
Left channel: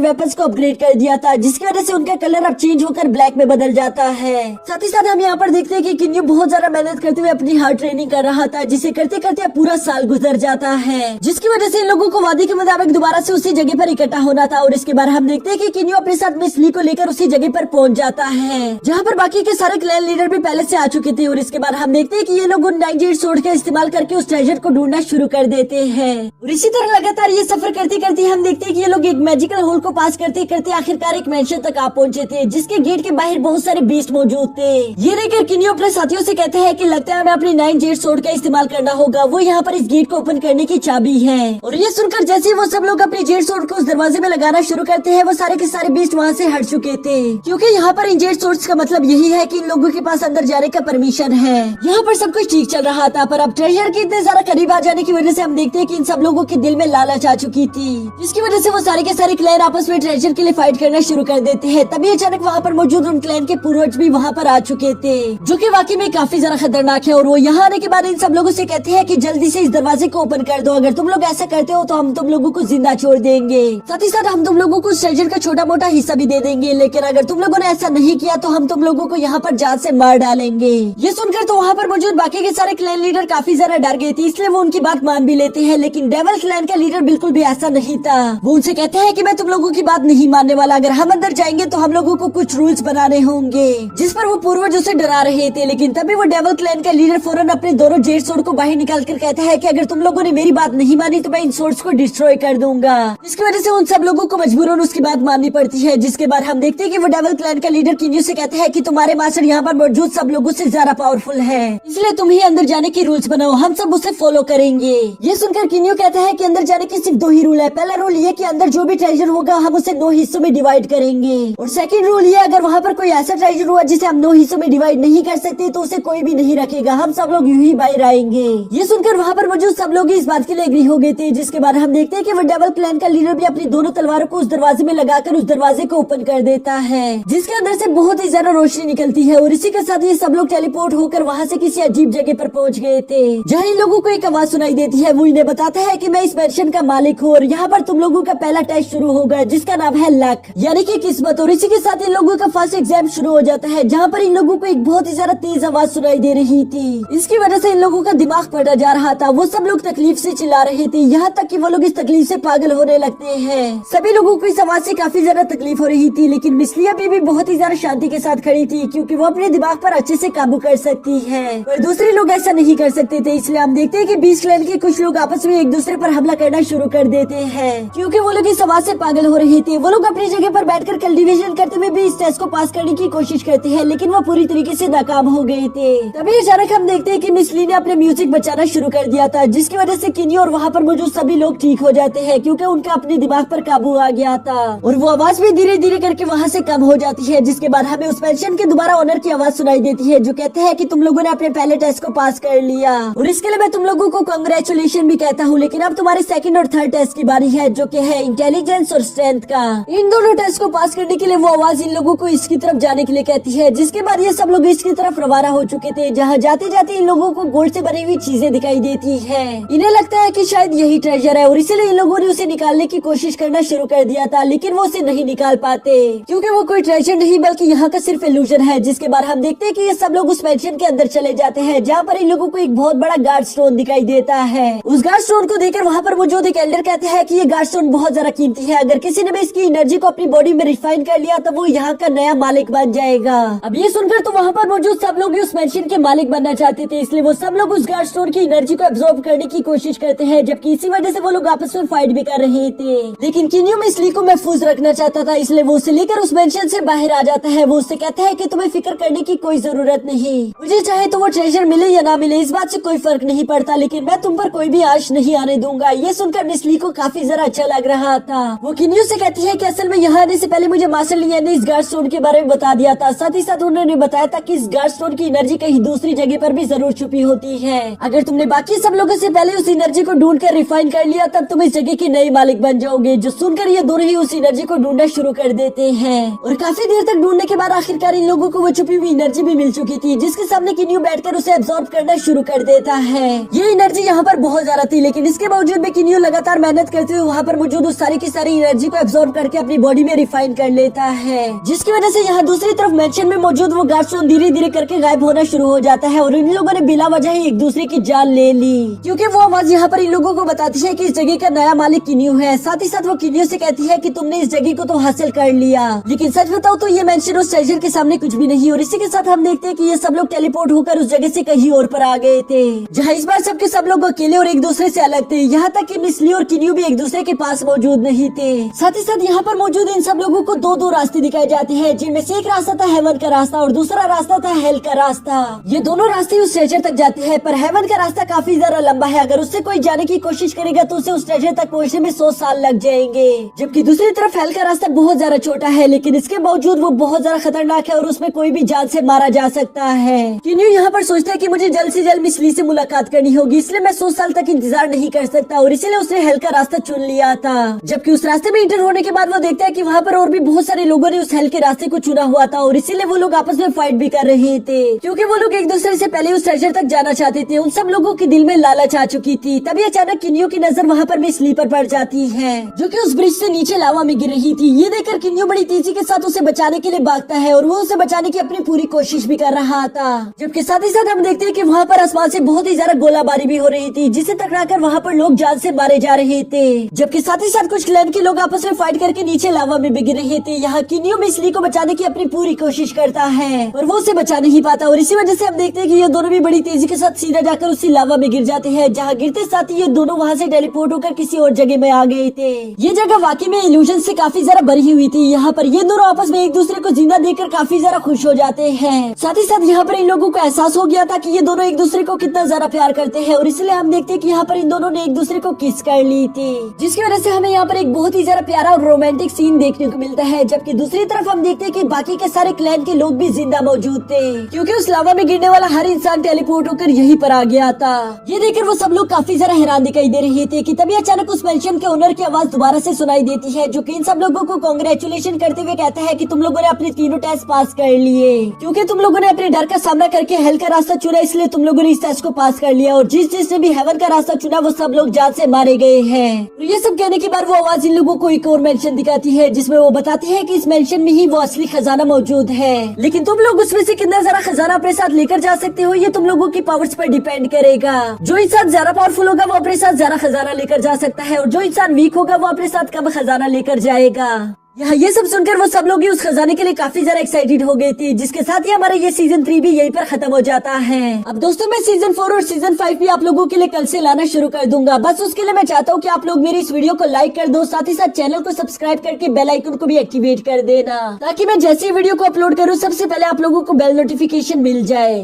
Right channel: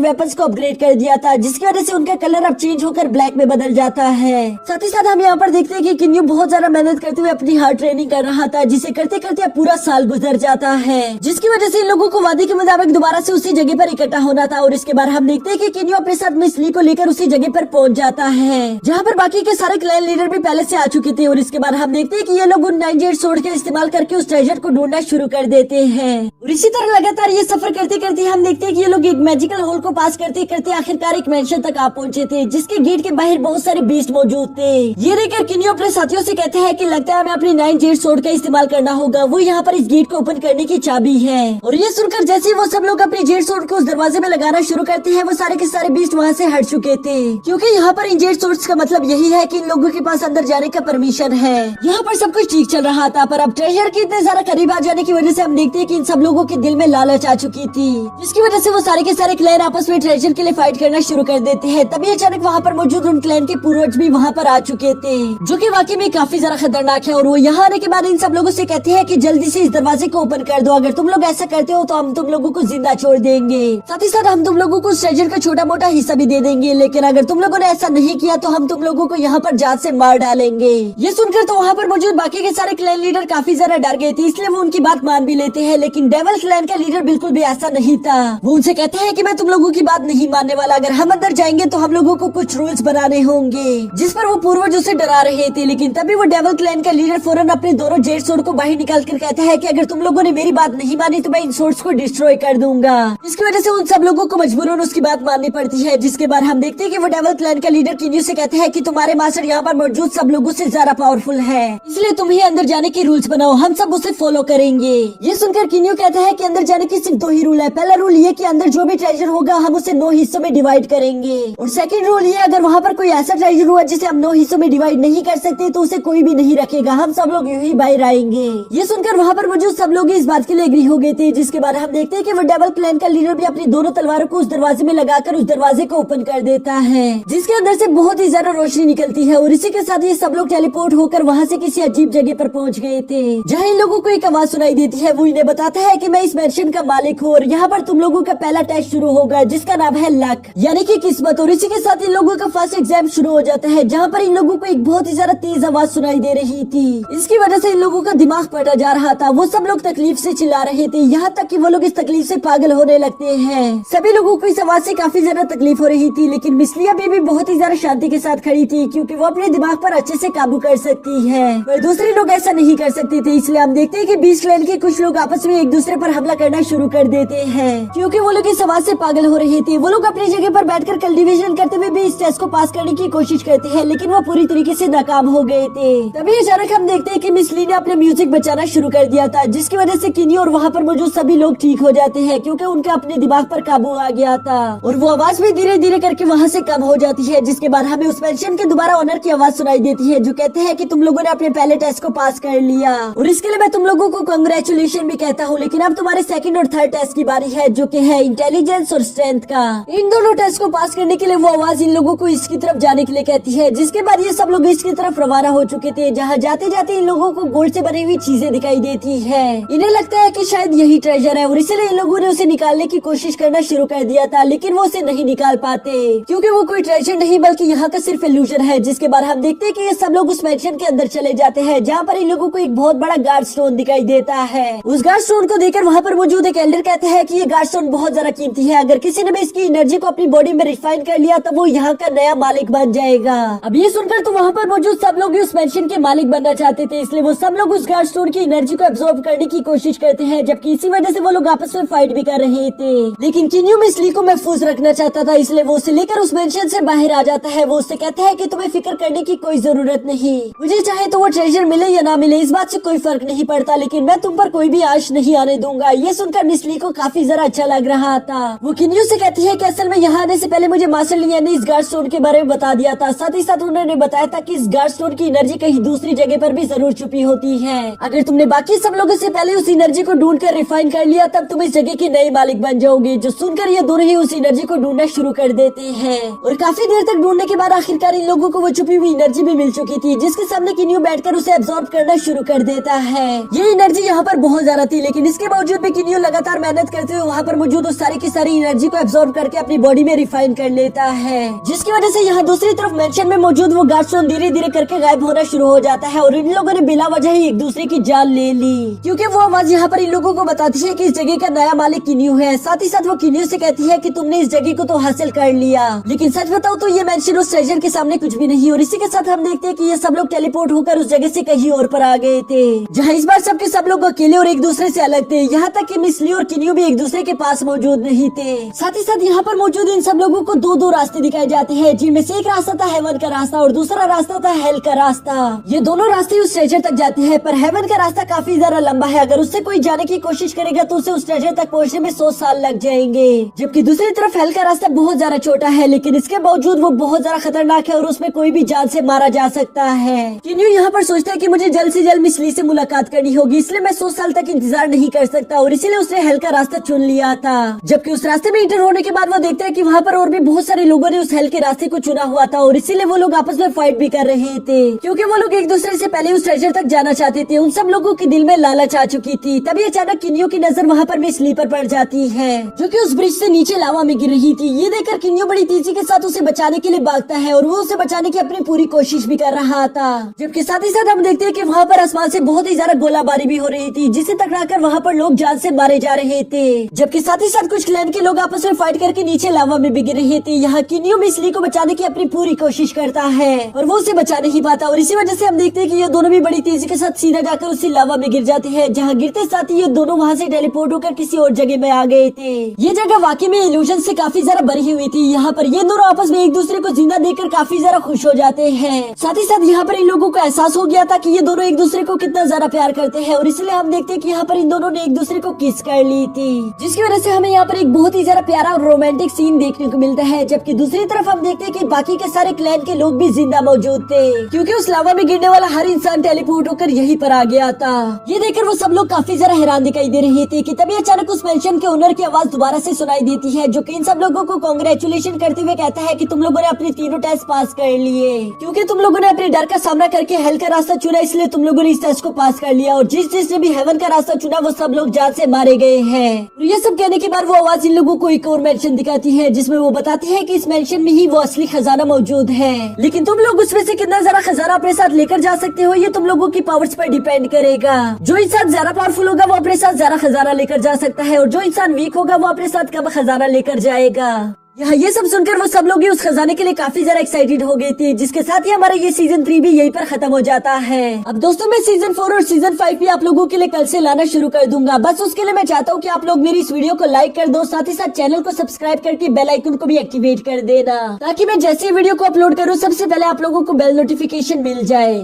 वेपन्स को अपग्रेड कर दिया था, जिसकी वजह से उनका कलर अब चेंज होकर ब्लैक में बदल जाता है। साथ ही साथ हम यहाँ पर देखते हैं कि किन्यू बहुत ज्यादा मेहनत करते हुए अपनी हार्ड ट्रेनिंग कर रहा था, जिसे करते करते पूरा साल गुजर जाता है, जिसकी वजह से इन लोगों को वादे के मुताबिक दोबारा से उसी जगह पर इकट्ठा होना था। और इसके बाद हम देखते हैं कि किन्यू अपने साथ मिस ली को लेकर उसी जगह पर पहुंच जाता है, जहाँ पर बाकी के सारे क्लैन लीडर भी पहले से आ चुके थे। और इसके बाद हम देखते हैं कि ये लोग उन 9 जेड सोर्ड का इस्तेमाल करके उस ट्रेजर को ढूंढना शुरू कर देते हैं। और इसी तरह लगातार ये सफर करते करते हम देखते हैं कि ये लोग एक मैजिकल होल को पास करते करते आखिरकार एक मैंशन तक आ पहुंचे थे, जिसके गेट के बाहर बहुत सारे बीस्ट मौजूद थे। ये देखकर किन्यू अपने साथियों से कहते हैं कि लगता है हमें अपनी 9 जेड सोर्ड का इस्तेमाल करना होगा, वो यहाँ पर इस गेट को ओपन करने की चाबी है। और ये सुनकर जैसे ही वो सब लोग अपने जेड सोर्ड को उस दरवाजे में लगाना शुरू करते हैं, वो सारे के सारे बीस्ट वहाँ से हट चुके थे, क्योंकि यहाँ पर इन जेड सोर्ड्स का मतलब यही है कि इन लोगों के पास अंदर जाने का परमिशन है। यहाँ पर सब कुछ ठीक चल रहा था, पर अब ट्रेजर के इतने ज्यादा करीब आ जाने की वजह से हम देखते हैं कि इन सब लोगों के दिल में लालच आ चुकी थी, जिसकी वजह से वो सारे के सारे क्लैन आपस में ट्रेजर के लिए फाइट करना शुरू कर देते हैं। तभी अचानक वहाँ पर मौजूद उन क्लैन के पूर्वज भी वहाँ पर आ चुके थे, जो कि वाकई में काफी ज्यादा खतरनाक है। और वो यहाँ आने के बाद इन सब लोगों से कहते हैं कि जल्दी से इस दरवाजे को ओपन कर दो, अगर तुम लोग ऐसा करते हो तो हम तुम लोगों को जिंदा छोड़ देंगे, साथ ही साथ हम तुम लोगों को ट्रेजर का छोटा मोटा हिस्सा भी दे देंगे, लेकिन अगर तुम लोगों ने ऐसा नहीं किया तो हम तुम लोगों को यहाँ पर जान से मार डालेंगे। ये सुनकर तो वहाँ पर मौजूद बाकी के सारे क्लैन लीडर काफी ज्यादा डर गए थे, इसलिए वो उनकी बात मान भी लेते हैं। लेकिन डेवल क्लैन का लीडर बिल्कुल भी ऐसा नहीं था, वो उनसे कहते हैं कि मैं तुम लोगों की बात नहीं मानने वाला, अगर हम अंदर जाएंगे तो हम लोगों को कुछ रूल्स बनाने होंगे, जिस पर वो पूर्वज उसे डरा रहे थे। लेकिन तभी वो डेवल क्लैन का लीडर फौरन अपने दोनों जेड सोर्ड को बाहर निकाल कर कहता है कि अगर तुम लोगों ने मेरी बात नहीं मानी तो मैं इन सोर्ड्स को डिस्ट्रॉय कर दूंगा। इसकी वजह से उन सब लोगों को मजबूरन उसकी बात माननी पड़ती है। जिसके बाद हम देखते हैं कि वो डेवल क्लैन का लीडर किन्यू से कहते हैं कि तुम्हारे मास्टर यहाँ पर मौजूद सब लोगों से ज्यादा पावरफुल है, इसलिए तुम ही अंदर जाने की रूल्स बनाओ, हम सब उसे फॉलो करेंगे। ये सुनकर किन्यू कहता है कि अंदर जाने की सिर्फ 2 ही रूल है। पहला रूल ये कि अंदर जो भी ट्रेजर होगा हम उसे 9 हिस्सों में डिवाइड करेंगे, और सेकंड रूल ये अगर वहाँ पर कोई ऐसा ट्रेजर हुआ जिसे हम 9 हिस्सों में डिवाइड नहीं कर सकते तो उसे कोई भी नहीं रखेगा, हम सब लोग यूं ही बाहर आएंगे। ये सुनकर वहाँ पर मौजूद सब लोग इस बात के लिए एग्री हो गए थे। जिसके बाद हम देखते हैं कि वो डेवल क्लैन का लीडर भी अपनी दोनों तलवारों को उस दरवाजे में लगाकर उस दरवाजे को ओपन कर देता है, जिसके अंदर से बहुत ही ज्यादा रोशनी निकलती है। और इसी के साथ ही सब लोग टेलीपोर्ट होकर वहाँ से किसी अजीब जगह पर पहुँच गए थे, जहाँ इन लोगों को एक आवाज सुनाई देती है। वो इन्हें बताता है कि मैं इस मैंशन का मालिक हूँ और यहाँ पर तुम लोगों का पहला टेस्ट शुरू होगा, जिसका नाम है लक, यानी कि किस्मत। और इसी के साथ इन लोगों का फर्स्ट एग्जाम शुरू हो जाता है, जहाँ पर इन लोगों को एक बहुत ही ज्यादा तेज आवाज सुनाई दे रही थी। इसकी वजह से इन लोगों का दिमाग फटा जा रहा था, वो सब लोग तकलीफ से चिल्ला रहे थे, यहाँ तक कि वो लोग इस तकलीफ से पागल होने लगते हैं। सभी लोगों को इस आवाज से काफी ज्यादा तकलीफ हो रही थी, लेकिन मिसलिया भी बहुत ही ज्यादा शांति के साथ खड़ी थी, क्योंकि वो अपने दिमाग पर अच्छे से काबू कर सकती है, पर दूसरे लोग ऐसा नहीं कर सकते थे। इसलिए हम देखते हैं कि बीस्ट क्लैन के कुछ लोग आपस में एक दूसरे पर हमला करना शुरू कर देते हैं, क्योंकि वो लोग इस आवाज से पागल हो रहे थे। वो लोग अपनी जगह पर बैठकर कल्टीवेशन करते हुए भी इस टेस्ट को पास करने की कोशिश करते हैं, लेकिन वो पूरी तरीके से नाकाम हो गए थे। तभी अचानक हम देखते हैं कि मिसली ने अपने म्यूजिक बचाना शुरू कर दिया था, जिसकी वजह से किन्यू और वहाँ पर मौजूद सभी लोग ठीक हो जाते हैं, क्योंकि उनका अपने दिमाग पर काबू आ गया था। और वो आवाज भी धीरे धीरे करके वहाँ से कम हो जाती है। जिसके बाद हमें उस पेंशन के दोबारा ऑनर की आवाज सुनाई देती है, जो कहते हैं कि तुम लोगों ने अपने पहले टेस्ट को पास कर लिया और इसके लिए मैं तुम लोगों को कांग्रेचुलेशन भी कहता हूँ। लेकिन अब तुम्हारे सेकंड और थर्ड टेस्ट की बारी है, जो कि है इंटेलिजेंस और स्ट्रेंथ का। इन दोनों टेस्ट को पास करने के लिए वो आवाज इन लोगों को इसकी तरफ जाने के लिए कहती है। जिसके बाद ये सब लोग इसकी तरफ रवाना हो चुके थे, जहाँ जाते जाते इन लोगों को गोल्ड से बनी हुई चीजें दिखाई देती है। इन्हें लगता है कि शायद यही ट्रेजर है और इसलिए इन लोगों ने उसे निकालने की कोशिश करना शुरू कर दिया था, लेकिन वो उसे नहीं निकाल पाते, क्योंकि वो कोई ट्रेजर नहीं बल्कि यहाँ का सिर्फ इल्यूजन है। जिसके बाद हम देखते हैं कि ये सब लोग उस मैंशन के अंदर चले जाते हैं, जहाँ पर इन लोगों को एक बहुत बड़ा गार्ड स्टोन दिखाई देता है। उस गार्ड स्टोन को देखकर वहाँ पर मौजूद एक एल्डर कहते हैं कि ये गार्ड स्टोन बहुत ज्यादा कीमती है, अगर किसी ने भी इसकी एनर्जी को अपनी बॉडी में रिफाइन कर लिया तो वो यहाँ का नया मालिक बन जाएगा। अब ये सुनकर तो वहाँ पर मौजूद सब लोग उस मैंशन के मालिक बनना चाहते थे, इसलिए वो सब लोग उस गार्ड स्टोन की एनर्जी को एब्जॉर्ब करने की कोशिश करते हैं, जबकि इसी वजह से वो लोग आपस में फाइट भी कर रहे थे। लेकिन किन्यू मिसली को महफूज रखना चाहता था, इसलिए वो उसे लेकर उस मैंशन से बाहर आ जाता है। वो उससे कहता है कि तुम्हें फिक्र करने की कोई जरूरत नहीं, मुझे चाहे तो वो ट्रेजर मिले या ना मिले इस बात से कोई फर्क नहीं पड़ता, लेकिन मैं तुम पर कोई भी आश नहीं आने दूंगा। दूंगा। ये सुनकर मिस ली को काफी जरा अच्छा लग रहा था। वो किन्यू से कहती है कि असल में यहाँ आने से पहले मुझे मास्टर लियान ने इस गार्ड स्टोन के बारे में बता दिया था। साथ ही साथ उन्होंने बताया था कि इस गार्ड स्टोन की एनर्जी कहीं दूसरी जगह पर भी जरूर छुपी होती है। अगर तुमने बाकी सब लोगों से पहले उस एनर्जी को ढूंढ कर रिफाइन कर लिया तब तुम इस जगह के नए मालिक बन जाओगे। जो सुनकर ये दोनों ही उस एनर्जी को ढूंढना शुरू कर देते हैं और काफी देर तक ढूंढने के बाद आखिरकार इन लोगों को वो छुपी हुई एनर्जी भी मिल चुकी थी, जिसके सामने किन्यू बैठकर उसे एब्जॉर्ब करना शुरू कर देता है। ये एनर्जी यहाँ पर बहुत ज्यादा थी, लेकिन इसके बावजूद भी किन्यू लगातार मेहनत करते हुए वहाँ पर मौजूद उस सारी की सारी एनर्जी को एब्जॉर्ब करके अपनी बॉडी में रिफाइन कर लेता है, जिसकी वजह से यहाँ दूसरी तरफ मेंशन में मौजूद वो गार्ड स्टोन धीरे धीरे करके गायब होना शुरू हो जाता है और इन लोगों ने बिना वजह ही एक दूसरे की जान ले ली, क्योंकि वो आवाज यहाँ पर इन लोगों को बताती है कि इस जगह का नया मालिक किन्यू है। साथ ही साथ वो किन्यू से कहती है कि तुमने इस जगह को तो हासिल कर लिया, लेकिन सच बताओ तो ये मेंशन उस ट्रेजर के सामने कुछ भी नहीं। और इसी के साथ हम देखते हैं कि ये सब लोग टेलीपोर्ट होकर उस जगह से कहीं और पर आ गए थे, जहाँ इस बार सबके सब लोग अकेले और एक दूसरे से अलग थे। यहाँ तक कि मिस ली और किन्यू भी एक दूसरे के पास मौजूद नहीं थे। साथ ही साथ यहाँ पर मौजूद इन सब लोगों को दो दो रास्ते दिखाए जाते हैं, जिनमें से एक रास्ता था हेवन का रास्ता और दूसरा रास्ता था हेल का रास्ता। ये दोनों रास्ते उस ट्रेजर तक जाते हैं, पर हेवन का रास्ता काफी ज्यादा लंबा है। अगर उससे कोई जाने की कोशिश करेगा तो उसे उस ट्रेजर तक पहुँचने में 100 साल लग जाएंगे, जबकि दूसरी तरफ हेल का रास्ता बहुत ज्यादा छोटा है, लेकिन इसके बावजूद वो बहुत ज्यादा खतरनाक है और उसमें कोई भी जान से मारा जा सकता है। किन्यू यहाँ पर सोचता है कि मुझे जल्द से जल्द मिस ली से मुलाकात करनी होगी, इसलिए मैं 100 साल तक इंतजार नहीं कर सकता और इसीलिए उसने हेल का रास्ता चुन लिया था। जबकि उस रास्ते में इंटर होने के बाद वो देखता है कि वहाँ पर और भी बहुत सारे लोगों ने उस हेल के रास्ते को चुना हुआ था और इसीलिए वो लोग आपस में फाइट भी कर रहे थे, क्योंकि वो लोग एक दूसरे से पहले उस ट्रेजर तक जाना चाहते थे। उन सब लोगों के दिल में लालच आ चुकी थी। तभी अचानक किन्यू की नजर वहाँ पर मिस ली पर पड़ जाती है, जो कि उस ब्रिज से नीचे लावा में गिर रही थी। ये देखकर किन्यू बड़ी तेजी के साथ उसे बचाने के लिए भागता है और वो उसे बचाने की अपनी पूरी कोशिश भी कर रहा था। जबकि साथ ही साथ हम देखते हैं कि वहाँ पर आसमान से बहुत ही ज्यादा गोलाबारी भी हो रही थी, जिसे टकराकर वहाँ पर लोग जान से मारे जा रहे थे। जबकि साथ ही साथ कुछ क्लैन के लोग आपस में फाइट करके नीचे लावा में गिर रहे थे। यहाँ किन्यू मिस ली को बचाने की अपनी पूरी कोशिश करता है और वो उसे बचा नहीं पाता और इसी वजह से हम देखते हैं कि ये दोनों भी बड़ी तेजी के साथ सीधा जाकर उसी लावा में गिर जाते हैं, जहाँ गिरते साथ ही ये दोनों वहाँ से टेलीपोर्ट होकर किसी और जगह में आ गए थे। ये जगह वाकई में इल्यूजन से काफी ज्यादा भरी हुई थी। यहाँ पर ये दोनों आपस में एक दूसरे को जिंदा देखकर काफी ज्यादा खुश हो जाते हैं। साथ ही साथ यहाँ पर इन लोगों को एहसास हो गया था कि ये दोनों एक दूसरे को कितना ज्यादा प्यार करते हैं और इसलिए हम देखते हैं कि यहाँ पर इन दोनों ने एक दूसरे को किस कर ली थी, जिसकी वजह से हमें यहाँ पर एक बहुत ही ज्यादा प्यारा और रोमांटिक सीन देखने को मिलता है। जबकि दूसरी तरफ हम देखते हैं कि बाकी के सारे क्लैन के लोग भी जिंदा मौजूद थे, क्योंकि उस लावा में गिरने वाला हर इंसान टेलीपोर्ट होकर यहीं पर आ गया था। ये देखकर वो सब लोग काफी ज्यादा हैरान दिखाई दे रहे थे कि तभी अचानक उस मेंशन के ओनर की आवाज दोबारा से सुनाई देती है, जो कि इन सब लोगों को कांग्रेचुलेशन करते हुए कहता है कि तुम लोगों ने अपने तीनों टेस्ट पास कर लिए, क्योंकि तुम लोगों ने अपने डर का सामना करके हेल का रास्ता चुना, इसलिए तुम लोगों ने इस टेस्ट को पास कर लिया और जिसने भी हेवन का रास्ता चुना वो सब लोग जान से मारे गए हैं। और ये सब कहने के बाद वो आवाज इन लोगों को एक और मेंशन दिखाती है, जिसमें वो बताती है कि इस मेंशन में ही वो असली खजाना मौजूद है, लेकिन तुम लोग उसमें से कितना ज्यादा खजाना अपने साथ लेकर जा सकते हो ये तुम लोगों की पावर्स पर डिपेंड करेगा। जो इंसान ज्यादा पावरफुल होगा वो अपने साथ ज्यादा खजाना लेकर जा सकता है और जो इंसान वीक होगा वो अपने साथ कम खजाना लेकर जाएगा। यहाँ ये सब सुनकर वो सब लोग उस खजाने के लिए काफी ज्यादा एक्साइटेड हो गए थे, जिसके साथ ही हमारा ये सीजन 3 भी यहीं पर खत्म हो जाता है। अब दोस्तों मैं सीजन 4 और सीजन 5 भी आप लोगों के लिए कल से लाना शुरू कर दूंगा। बस उसके लिए मैं चाहता हूँ कि आप लोग मेरी इस वीडियो को लाइक कर दो, साथ ही साथ चैनल को सब्सक्राइब करके बेल आइकन को भी एक्टिवेट कर देना, ताकि मैं जैसे वीडियो को अपलोड करूँ सबसे पहले आप लोगों को बेल नोटिफिकेशन मिल जाए।